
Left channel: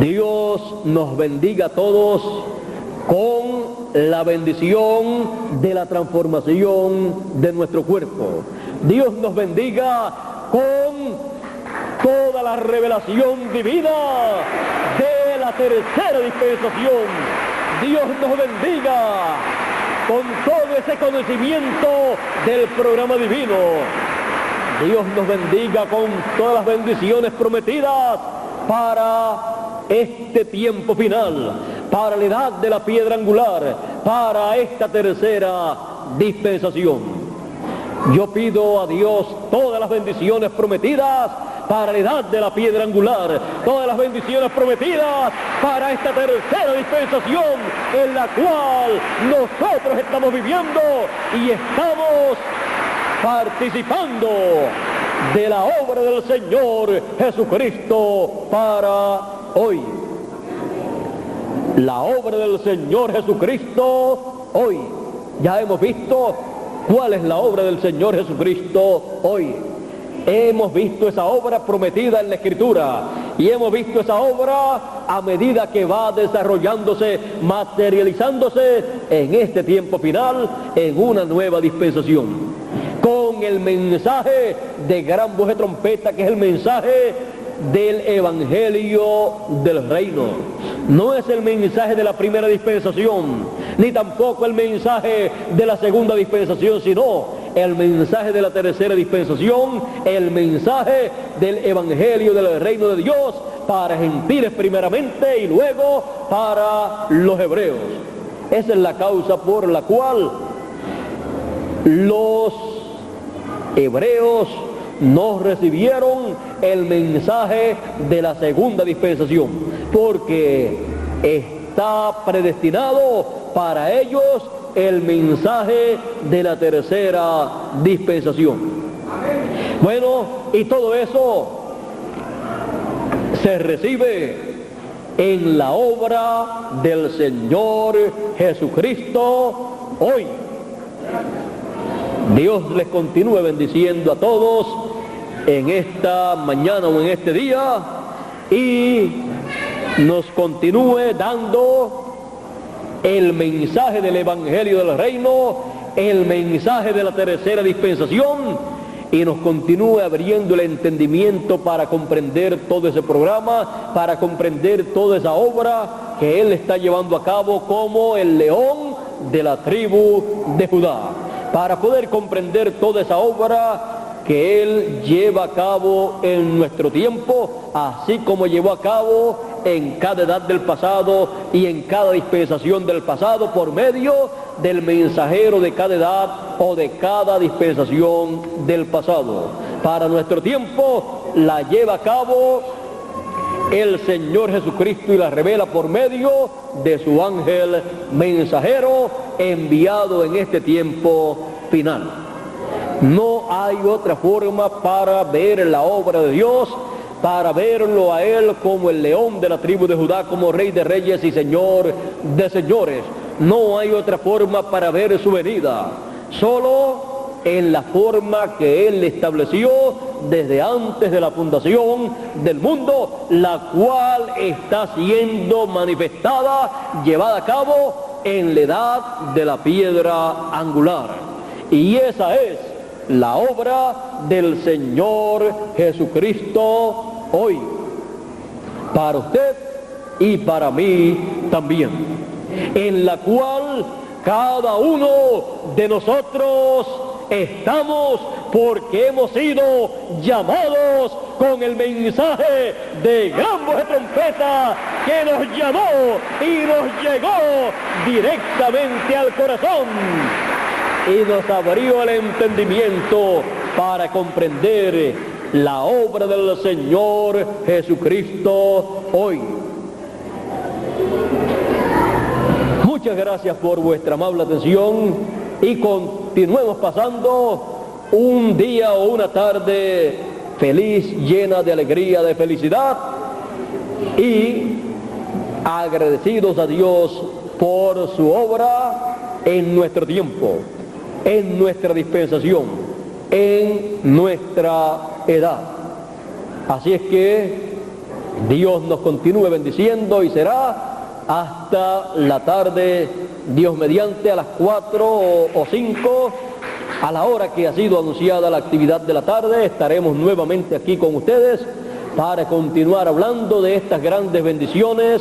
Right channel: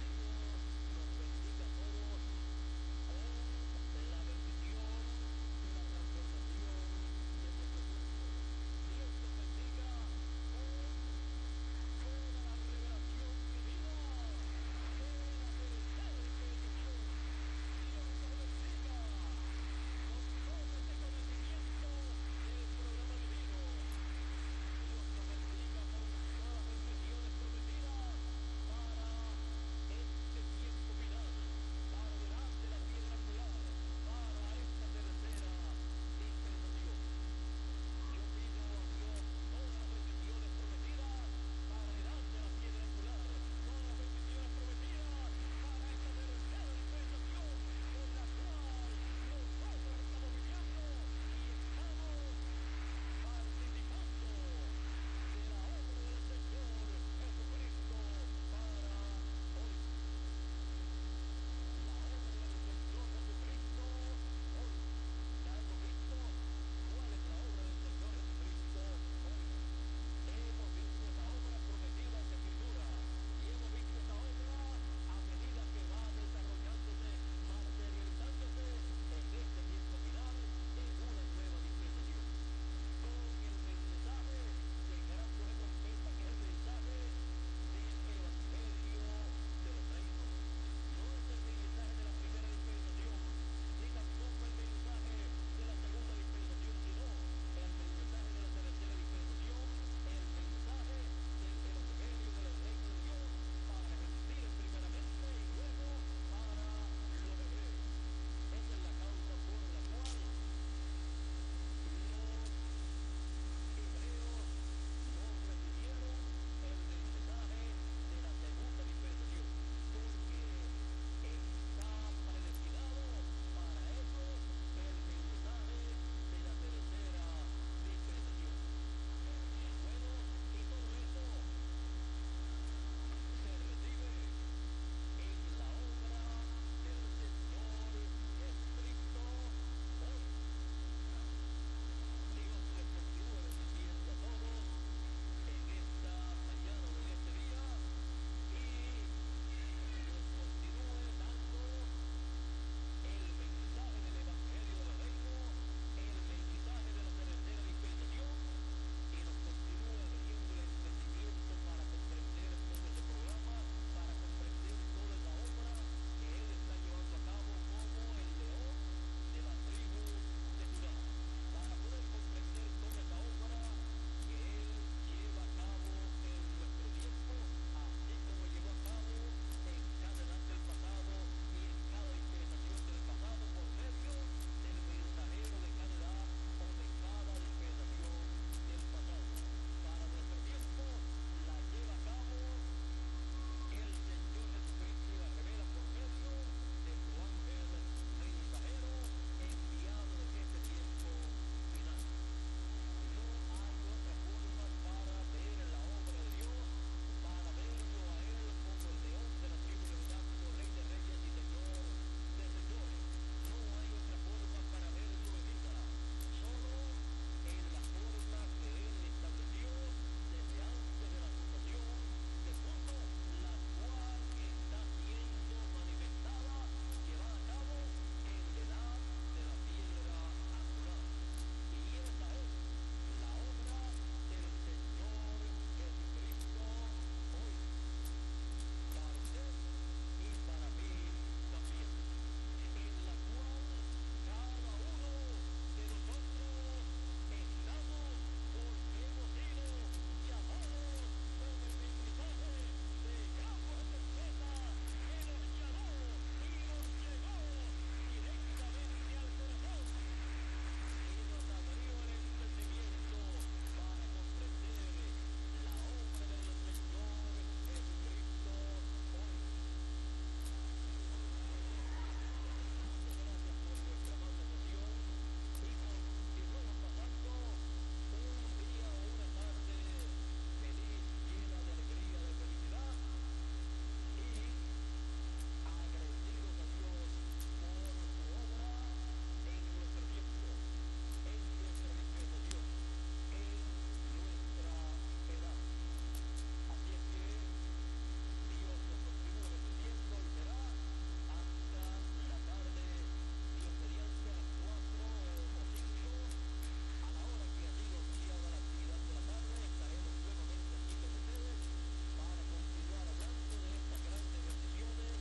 Dios nos bendiga a todos con la bendición de la transformación de nuestro cuerpo. Dios nos bendiga con toda la revelación divina de la tercera dispensación. Dios nos bendiga con todo ese conocimiento del programa divino. Dios nos bendiga con todas las bendiciones prometidas para este tiempo final, para la edad de la piedra angular, para esta tercera dispensación. Yo pido a Dios todas las bendiciones prometidas para la edad de la piedra angular, todas las bendiciones prometidas para esta tercera dispensación en la cual nosotros estamos viviendo y estamos participando de la obra del Señor Jesucristo para hoy. La obra del Señor Jesucristo hoy. Ya hemos visto cuál es la obra del Señor Jesucristo hoy. Hemos visto esa obra prometida en la Escritura y hemos visto esa obra a medida que va desarrollándose, materializándose en este tiempo final, en una nueva dispensación, con el mensaje de gran voz de trompeta, que es el mensaje del Evangelio del Reino. No es el mensaje de la primera dispensación, ni tampoco el mensaje de la segunda dispensación, sino el mensaje de la tercera dispensación, el mensaje del Evangelio del Reino de Dios para gentiles primeramente y luego para los hebreos. Esa es la causa por la cual los hebreos no recibieron el mensaje de la segunda dispensación, porque está predestinado para ellos el mensaje de la tercera dispensación. Bueno, y todo eso se recibe en la obra del Señor Jesucristo hoy. Dios les continúe bendiciendo a todos en esta mañana o en este día y nos continúe dando el mensaje del Evangelio del Reino, el mensaje de la tercera dispensación, y nos continúe abriendo el entendimiento para comprender todo ese programa, para comprender toda esa obra que Él está llevando a cabo como el león de la tribu de Judá, para poder comprender toda esa obra que Él lleva a cabo en nuestro tiempo, así como llevó a cabo en cada edad del pasado y en cada dispensación del pasado por medio del mensajero de cada edad o de cada dispensación del pasado. Para nuestro tiempo la lleva a cabo el Señor Jesucristo y la revela por medio de su ángel mensajero enviado en este tiempo final. No hay otra forma para ver la obra de Dios, para verlo a Él como el león de la tribu de Judá, como Rey de Reyes y Señor de Señores. No hay otra forma para ver su venida, solo en la forma que Él estableció desde antes de la fundación del mundo, la cual está siendo manifestada, llevada a cabo en la edad de la piedra angular. Y esa es la obra del Señor Jesucristo hoy, para usted y para mí también, en la cual cada uno de nosotros estamos porque hemos sido llamados con el mensaje de gran voz de trompeta que nos llamó y nos llegó directamente al corazón y nos abrió el entendimiento para comprender la obra del Señor Jesucristo hoy. Muchas gracias por vuestra amable atención y continuemos pasando un día o una tarde feliz, llena de alegría, de felicidad y agradecidos a Dios por su obra en nuestro tiempo, en nuestra dispensación, en nuestra edad. Así es que Dios nos continúe bendiciendo y será hasta la tarde, Dios mediante, a las 4 o 5, a la hora que ha sido anunciada la actividad de la tarde, estaremos nuevamente aquí con ustedes para continuar hablando de estas grandes bendiciones,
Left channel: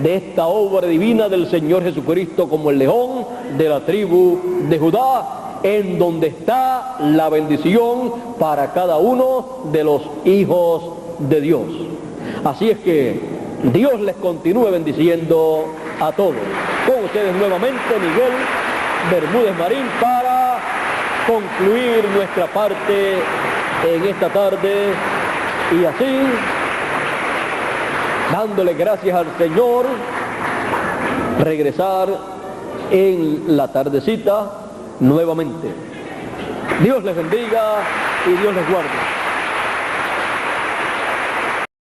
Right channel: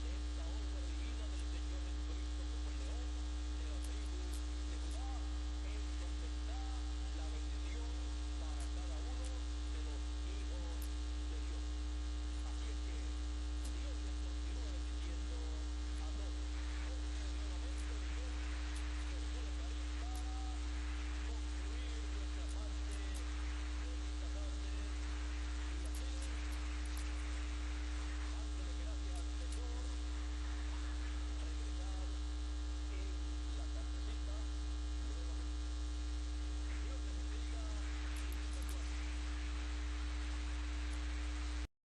de esta obra divina del Señor Jesucristo como el león de la tribu de Judá, en donde está la bendición para cada uno de los hijos de Dios. Así es que Dios les continúe bendiciendo a todos. Con ustedes nuevamente Miguel Bermúdez Marín para concluir nuestra parte en esta tarde y así, dándole gracias al Señor, regresar en la tardecita nuevamente. Dios les bendiga y Dios les guarde.